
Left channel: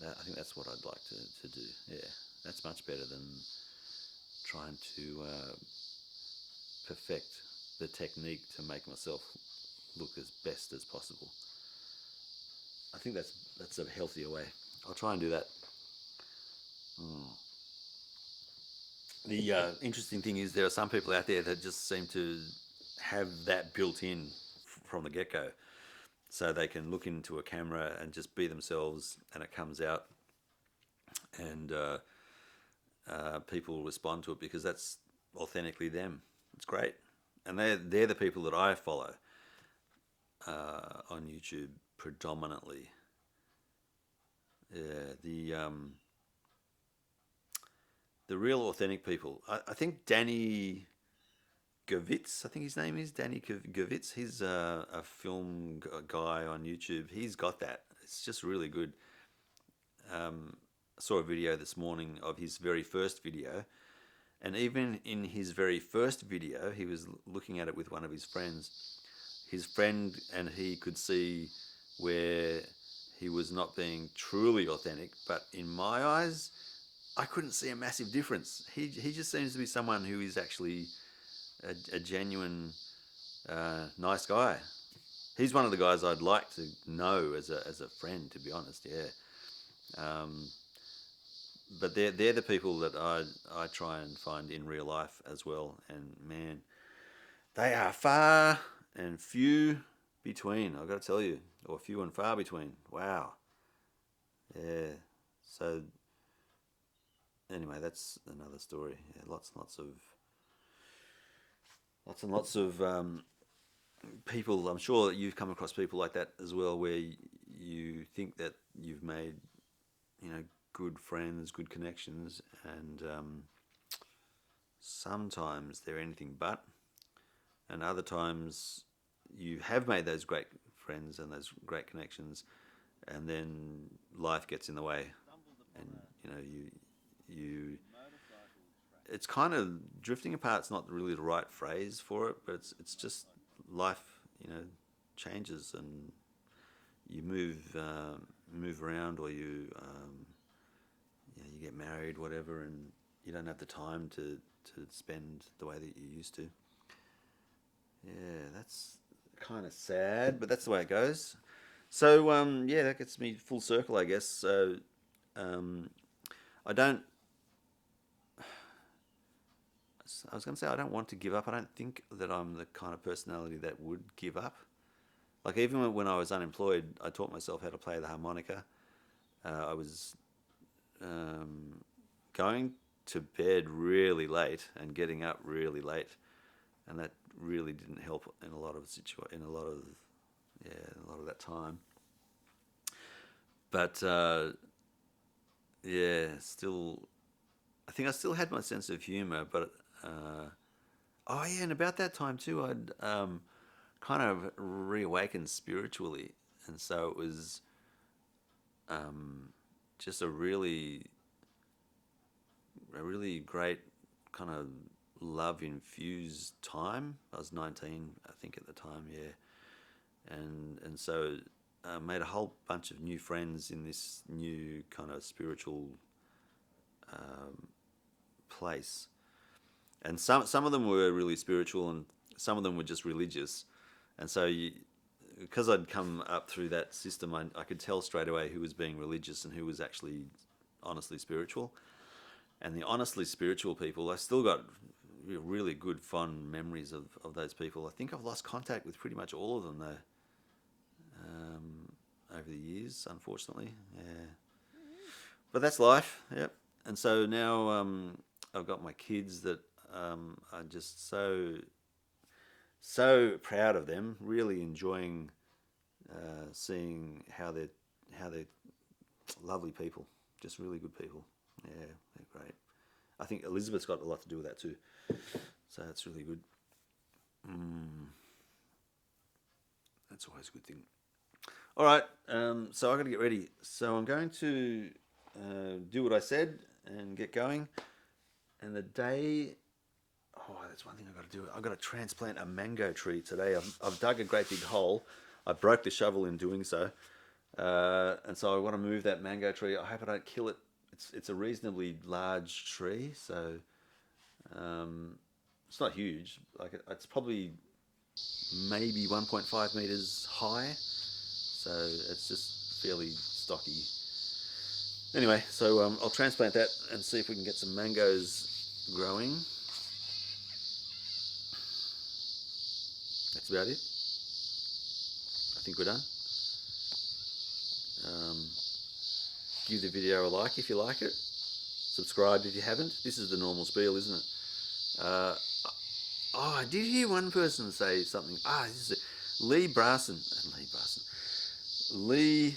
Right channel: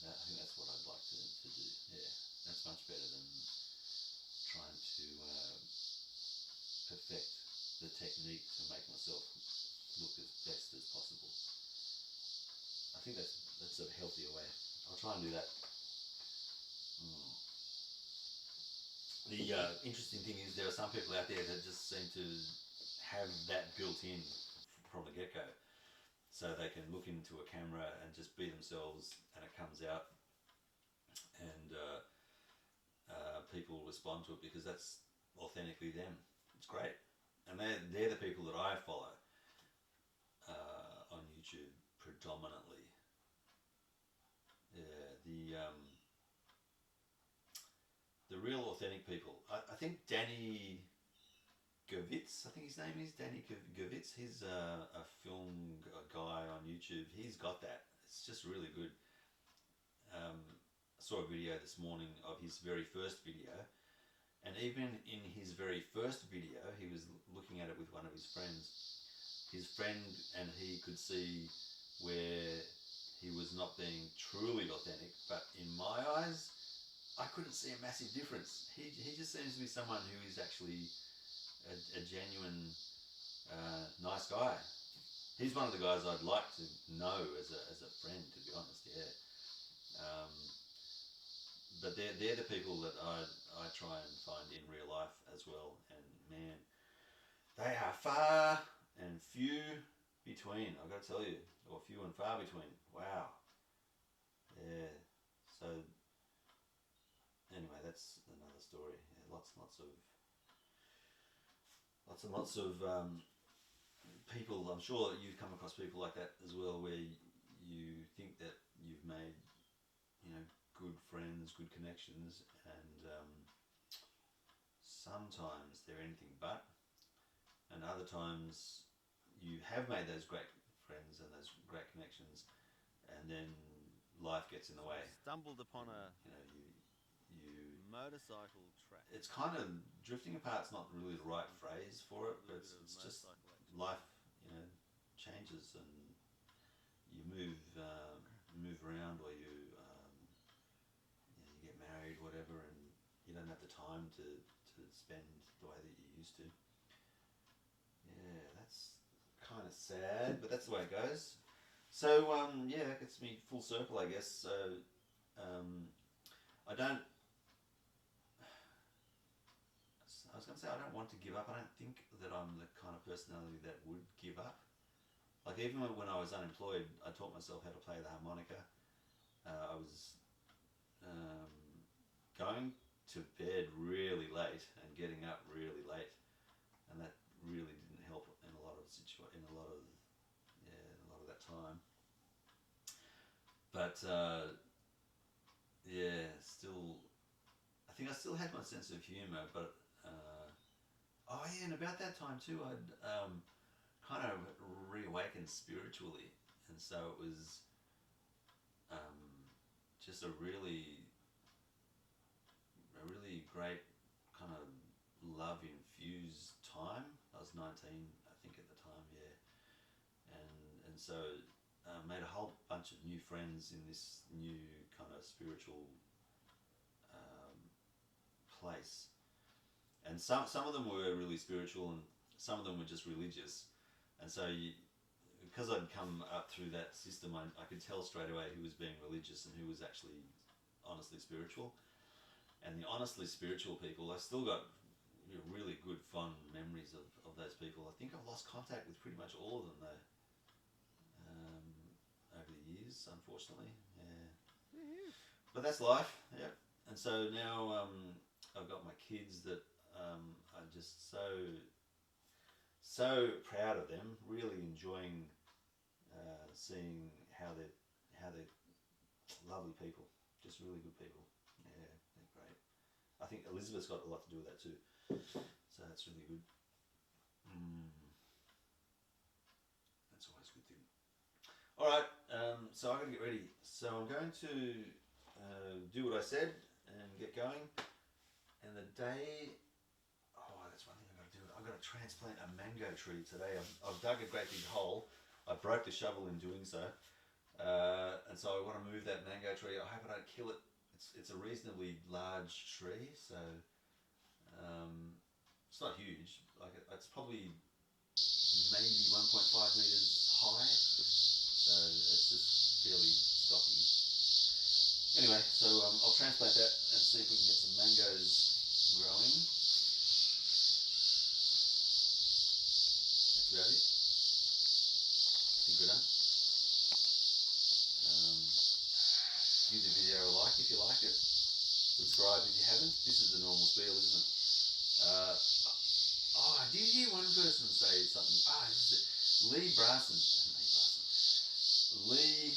I think that's what I'd like to do. Yeah, that's much better than trying to perfect the technique to make myself look as best as possible. I think that's a healthier way. I'll try and do that. The interesting thing is there are some people out there that just seem to have that built in from the get go, so they can look into a camera and just be themselves, and it comes out, and people respond to it because that's authentically them. It's great, and they're the people that I follow on YouTube predominantly. Yeah, the real authentic people. I think Danny Gavitz, I think his name is Danny Gavitz. He's a film guy on YouTube. He's got that. It's just really good. I saw a video this morning of his very first video, and even in his very first video, he was looking at it with one of his friends. His friend and he could see where he was not being truly authentic, but in my eyes, I couldn't see a massive difference. He just seems to be someone who is actually a genuine, nice guy. He's one of the guys I'd like to know as a friend, to be honest. Yeah, but they're the people that I try and find in real life as well. And man, they are far and few between. I've got to tell you, or few and far between. Wow. Yeah. So anyway, that's another story. Yeah, lots and lots of people. I'm sure that you've come across people like that as well, where you think that you've made, good friends, good connections, and sometimes they're anything but, and other times you have made those great friends and those great connections, and then life gets in the way. Stumbled upon and, you motorcycle track. it's kind of drifting apart's not really the right phrase for it, but it's just life, changes, and you move around, or you get married, whatever, and you don't have the time to spend the way that you used to. Yeah, that's kind of sad, but that's the way it goes. So that gets me full circle, I guess. So I don't. I was going to say I don't want to give up. I don't think that I'm the kind of personality that would give up. Like, even when I was unemployed, I taught myself how to play the harmonica. I was going to bed really late and getting up really late, and that really didn't help in a lot of that time. But still, I think I still had my sense of humor. But and about that time too, I'd kind of reawakened spiritually, and so it was just a really great kind of love infused time. I was 19, I think, at the time, yeah, and so I made a whole bunch of new friends in this new kind of spiritual place, and some of them were really spiritual, and some of them were just religious, and so because I'd come up through that system, I could tell straight away who was being religious and who was actually honestly spiritual. And the honestly spiritual people, I still got really good, fond memories of those people. I think I've lost contact with pretty much all of them, though, over the years, unfortunately. Yeah. But that's life, yep. And so now I've got my kids that I'm just so proud of them, really enjoying seeing how they're lovely people, just really good people. Yeah, they're great. I think Elizabeth's got a lot to do with that too, so that's really good. That's always a good thing. All right, so I've got to get ready. So I'm going to do what I said and get going. And the day, that's one thing I've got to do. I've got to transplant a mango tree today. I've dug a great big hole. I broke the shovel in doing so. And so I want to move that mango tree. I hope I don't kill it. It's a reasonably large tree, so it's not huge. Like it's probably maybe 1.5 meters high, so it's just fairly stocky. Anyway, so I'll transplant that and see if we can get some mangoes growing. That's about it. I think we're done. Give the video a like if you like it. Subscribe if you haven't. This is the normal spiel, isn't it? I did hear one person say something. This is Lee Brasson. Lee.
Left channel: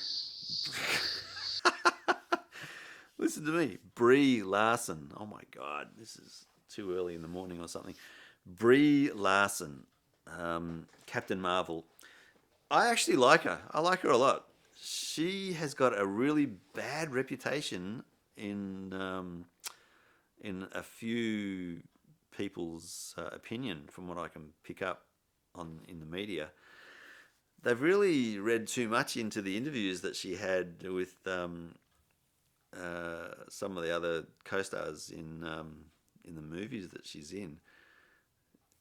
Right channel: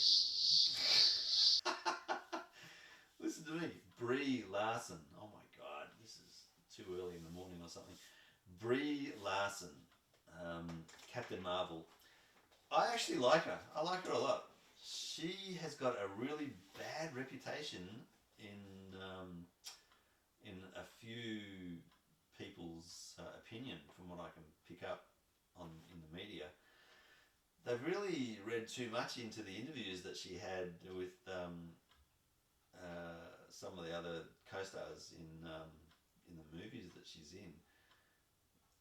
Listen to me. Brie Larson. Oh my God. This is too early in the morning or something. Brie Larson. Captain Marvel. I actually like her. I like her a lot. She has got a really bad reputation in a few people's opinion, from what I can pick up in the media. They've really read too much into the interviews that she had with some of the other co-stars in the movies that she's in.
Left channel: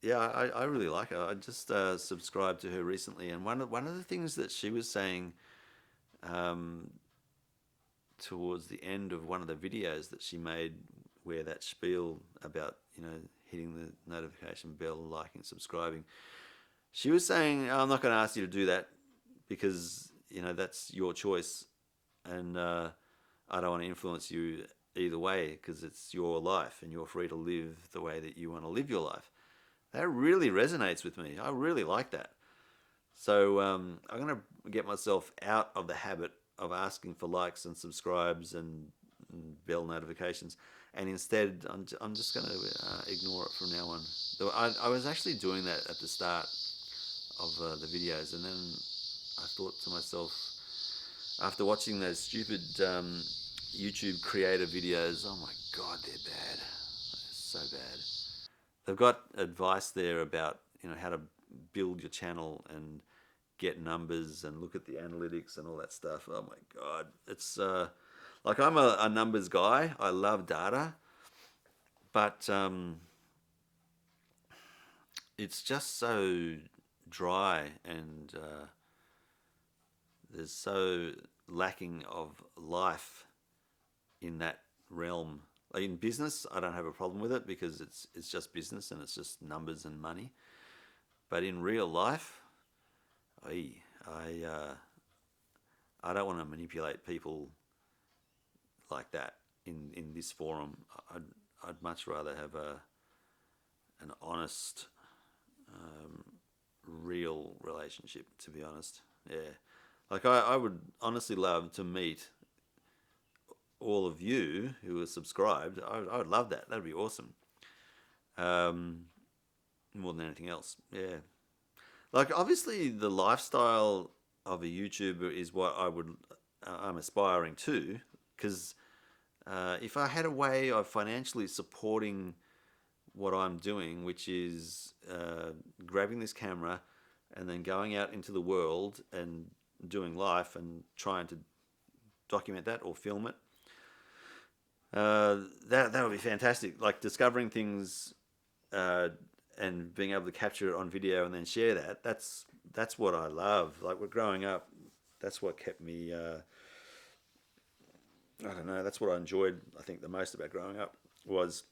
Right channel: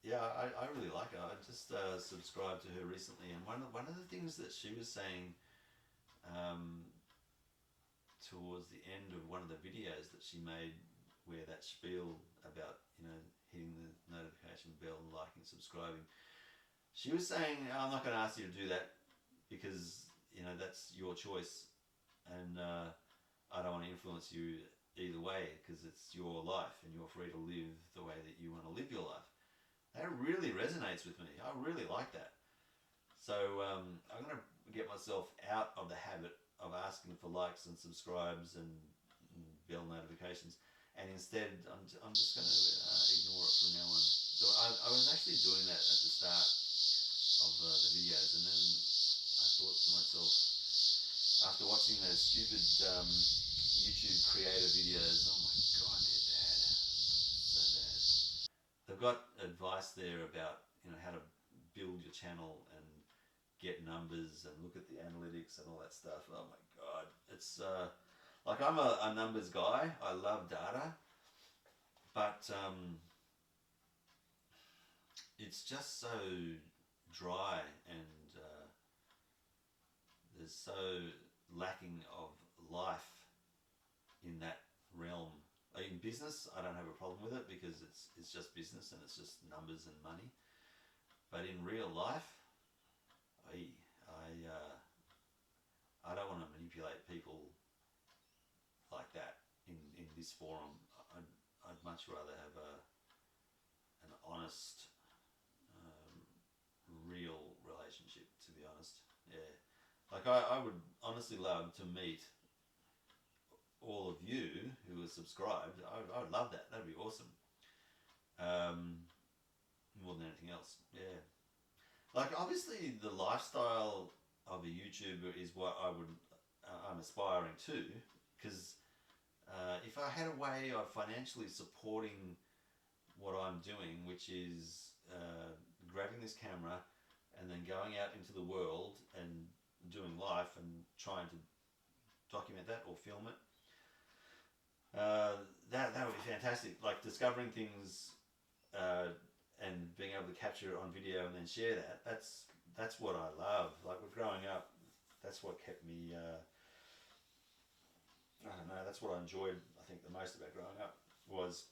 Yeah, I really like her. I just subscribed to her recently, and one of the things that she was saying towards the end of one of the videos that she made, where that spiel about hitting the notification bell, liking, subscribing, she was saying, "I'm not going to ask you to do that because that's your choice, and I don't want to influence you either way because it's your life and you're free to live the way that you want to live your life." That really resonates with me. I really like that. So I'm going to get myself out of the habit of asking for likes and subscribes and bell notifications, and instead I'm just going to ignore it from now on. I was actually doing that at the start of the videos, and then I thought to myself, after watching those stupid YouTube creator videos, oh my God, they're bad. They're so bad. They've got advice there about how to build your channel and get numbers and look at the analytics and all that stuff. Oh my God, it's like I'm a numbers guy. I love data, but it's just so dry, and there's so lacking of life in that realm. In business, I don't have a problem with it because it's just business and it's just numbers and money. But in real life, I don't want to manipulate people like that in this forum. I'd much rather have an honest, real relationship, to be honest. Yeah. Like I would honestly love to meet all of you who are subscribed. I would love that. That'd be awesome. More than anything else. Yeah. Like obviously the lifestyle of a YouTuber is what I'm aspiring to, because if I had a way of financially supporting what I'm doing, which is grabbing this camera and then going out into the world and doing life and trying to document that or film it, that would be fantastic. Like discovering things and being able to capture it on video and then share that. That's what I love. Like we're growing up, that's what kept me. I don't know. That's what I enjoyed. I think the most about growing up was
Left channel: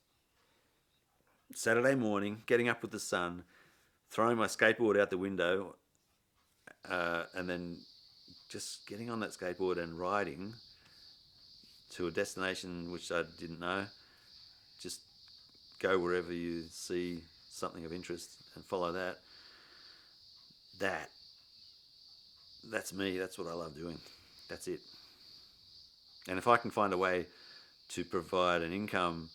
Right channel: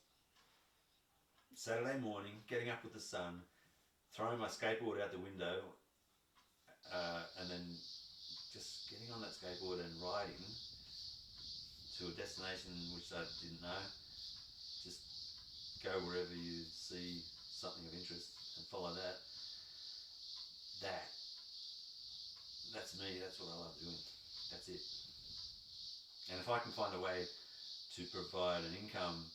Saturday morning, getting up with the sun, throwing my skateboard out the window, and then just getting on that skateboard and riding to a destination which I didn't know. Just go wherever you see something of interest and follow that. That's me. That's what I love doing. That's it. And if I can find a way to provide an income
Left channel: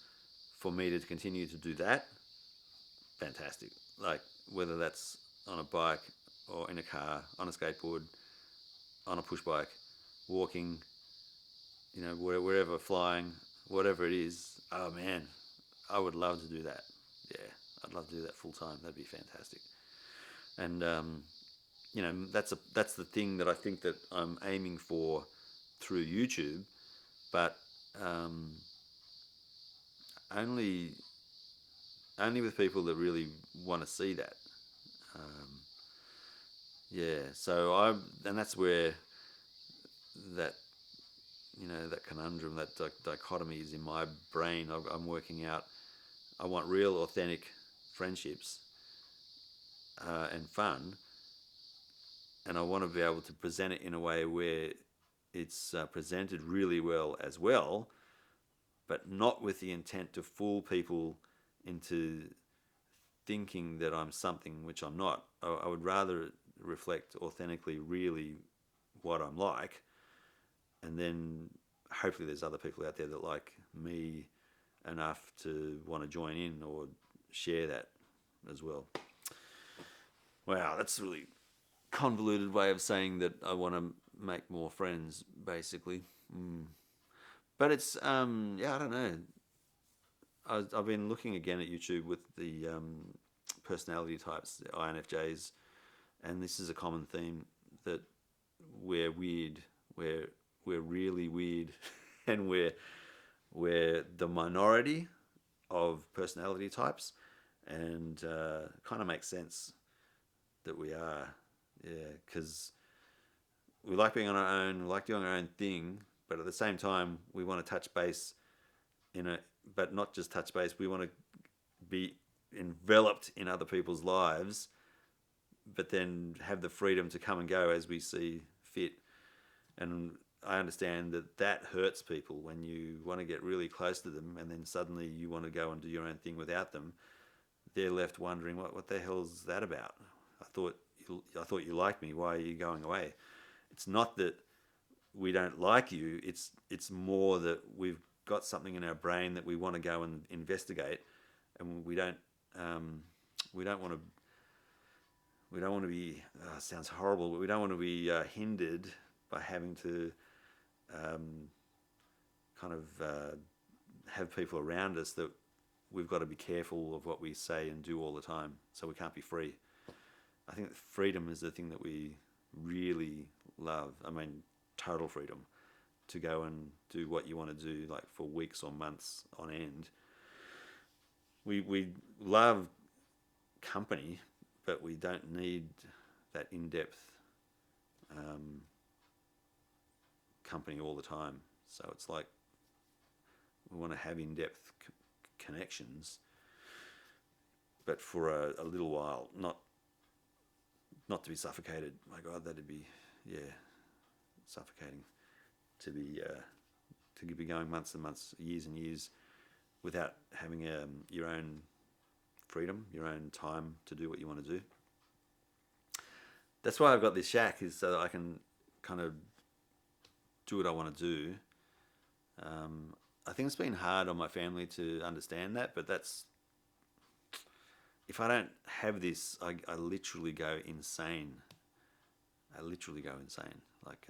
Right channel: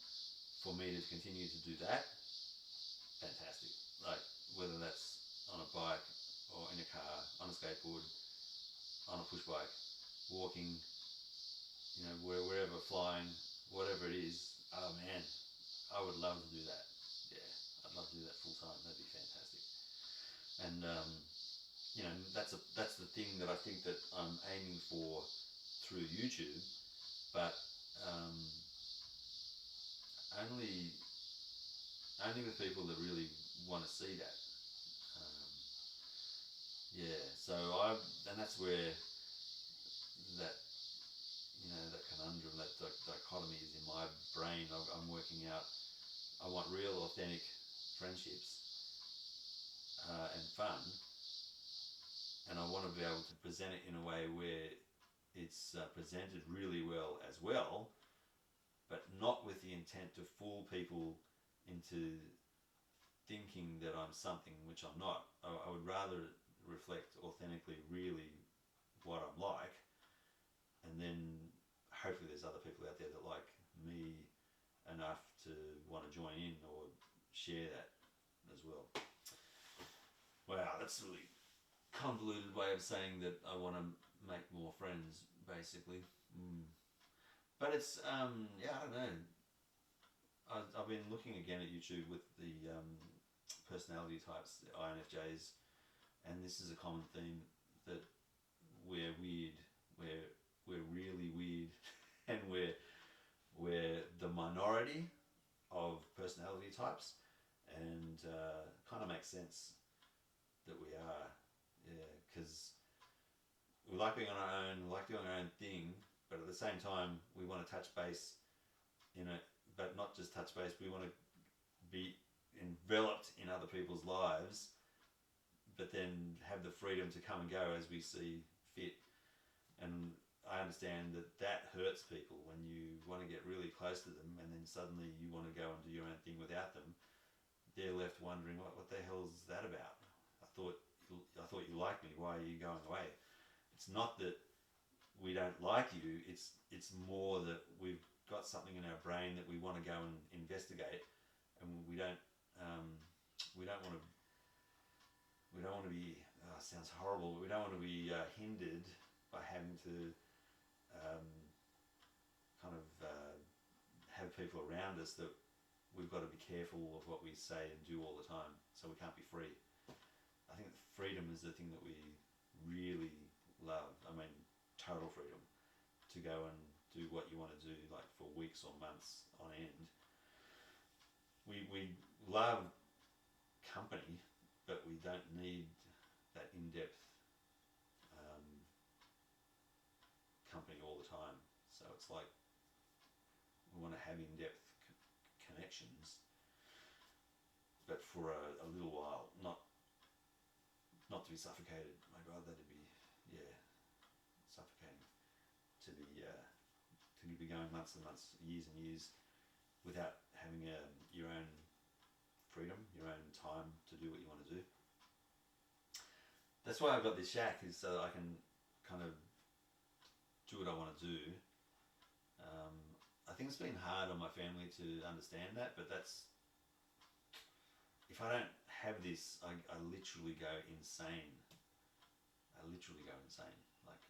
for me to continue to do that, fantastic. Like whether that's on a bike or in a car, on a skateboard, on a push bike, walking, wherever, flying, whatever it is. Oh man, I would love to do that. Yeah, I'd love to do that full time. That'd be fantastic. And that's the thing that I think that I'm aiming for through YouTube, but um, only only with people that really want to see that. Um, yeah, so and that's where that that conundrum, that dichotomy is in my brain. I'm working out. I want real, authentic friendships and fun, and I want to be able to present it in a way where it's presented really well as well, but not with the intent to fool people into thinking that I'm something which I'm not. I would rather reflect authentically, really, what I'm like, and then hopefully there's other people out there that like me enough to want to join in or share that as well. Wow, that's a really convoluted way of saying that I want to make more friends, basically. But it's yeah, I don't know. I've been looking again at YouTube with the personality types, the INFJs, and this is a common theme that we're weird, we're really weird, and we're the minority of personality types, and kind of makes sense that we are, yeah, because we like being on our own, we like doing our own thing, but at the same time we want to touch base in it, but not just touch base. We want to be enveloped in other people's lives, but then have the freedom to come and go as we see fit. And I understand that that hurts people when you want to get really close to them and then suddenly you want to go and do your own thing without them. They're left wondering, what the hell's that about? I thought you liked me. Why are you going away? It's not that we don't like you. It's more that we've got something in our brain that we want to go and investigate, and we don't want to. We don't want to be. Sounds horrible, but we don't want to be hindered by having to kind of have people around us that we've got to be careful of what we say and do all the time, so we can't be free. I think that freedom is the thing that we really love. I mean, total freedom to go and do what you want to do, like for weeks or months on end. We love company, but we don't need that in-depth company all the time. So it's like we want to have in-depth connections, but for a little while, not to be suffocated. My God, that'd be, yeah, suffocating to be going months and months, years and years without having your own freedom, your own time to do what you want to do. That's why I've got this shack, is so that I can kind of do what I want to do. I think it's been hard on my family to understand that, but that's, if I don't have this, I literally go insane. Like,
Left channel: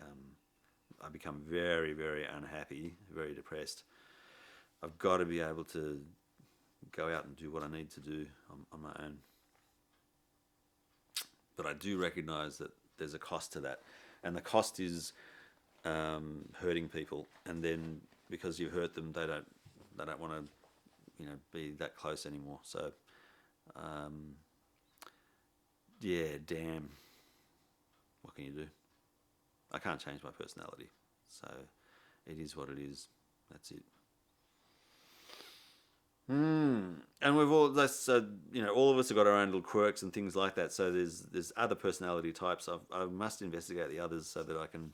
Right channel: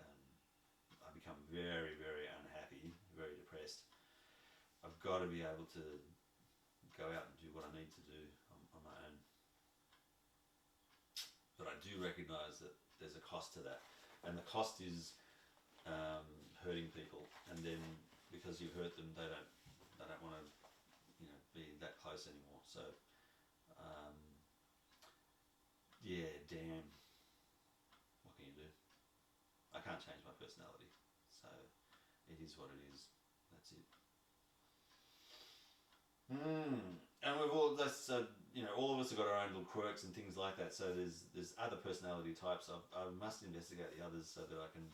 I become very, very unhappy, very depressed. I've got to be able to go out and do what I need to do on my own. But I do recognise that there's a cost to that, and the cost is hurting people, and then because you've hurt them, they don't want to be that close anymore. So yeah, damn, what can you do? I can't change my personality, so it is what it is. That's it. And we've all all of us have got our own little quirks and things like that. So there's other personality types. I must investigate the others so that I can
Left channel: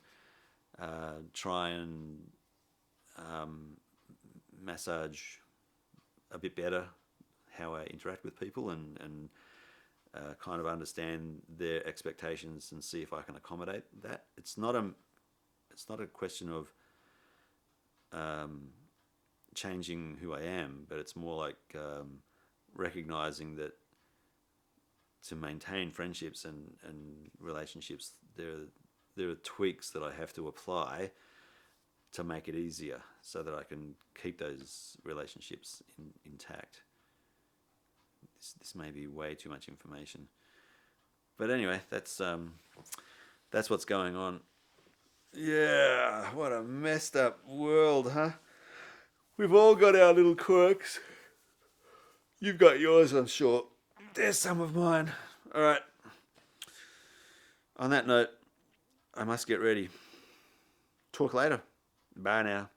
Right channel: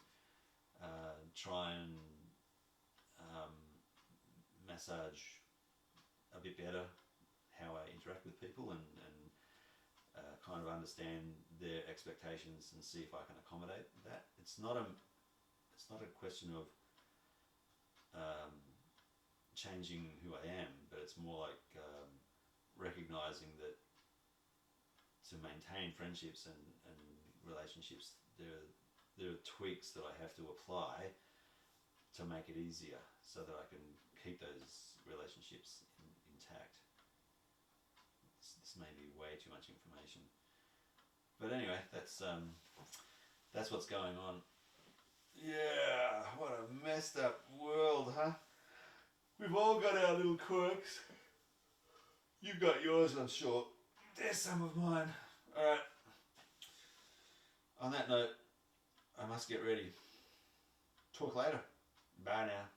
try and massage a bit better how I interact with people, and kind of understand their expectations and see if I can accommodate that. It's not a question of changing who I am, but it's more like recognizing that to maintain friendships and relationships, there are tweaks that I have to apply to make it easier so that I can keep those relationships intact. This may be way too much information, But anyway, that's what's going on. Yeah, what a messed up world, huh? We've all got our little quirks. You've got yours, I'm sure. There's some of mine. All right. On that note, I must get ready. Talk later. Bye now.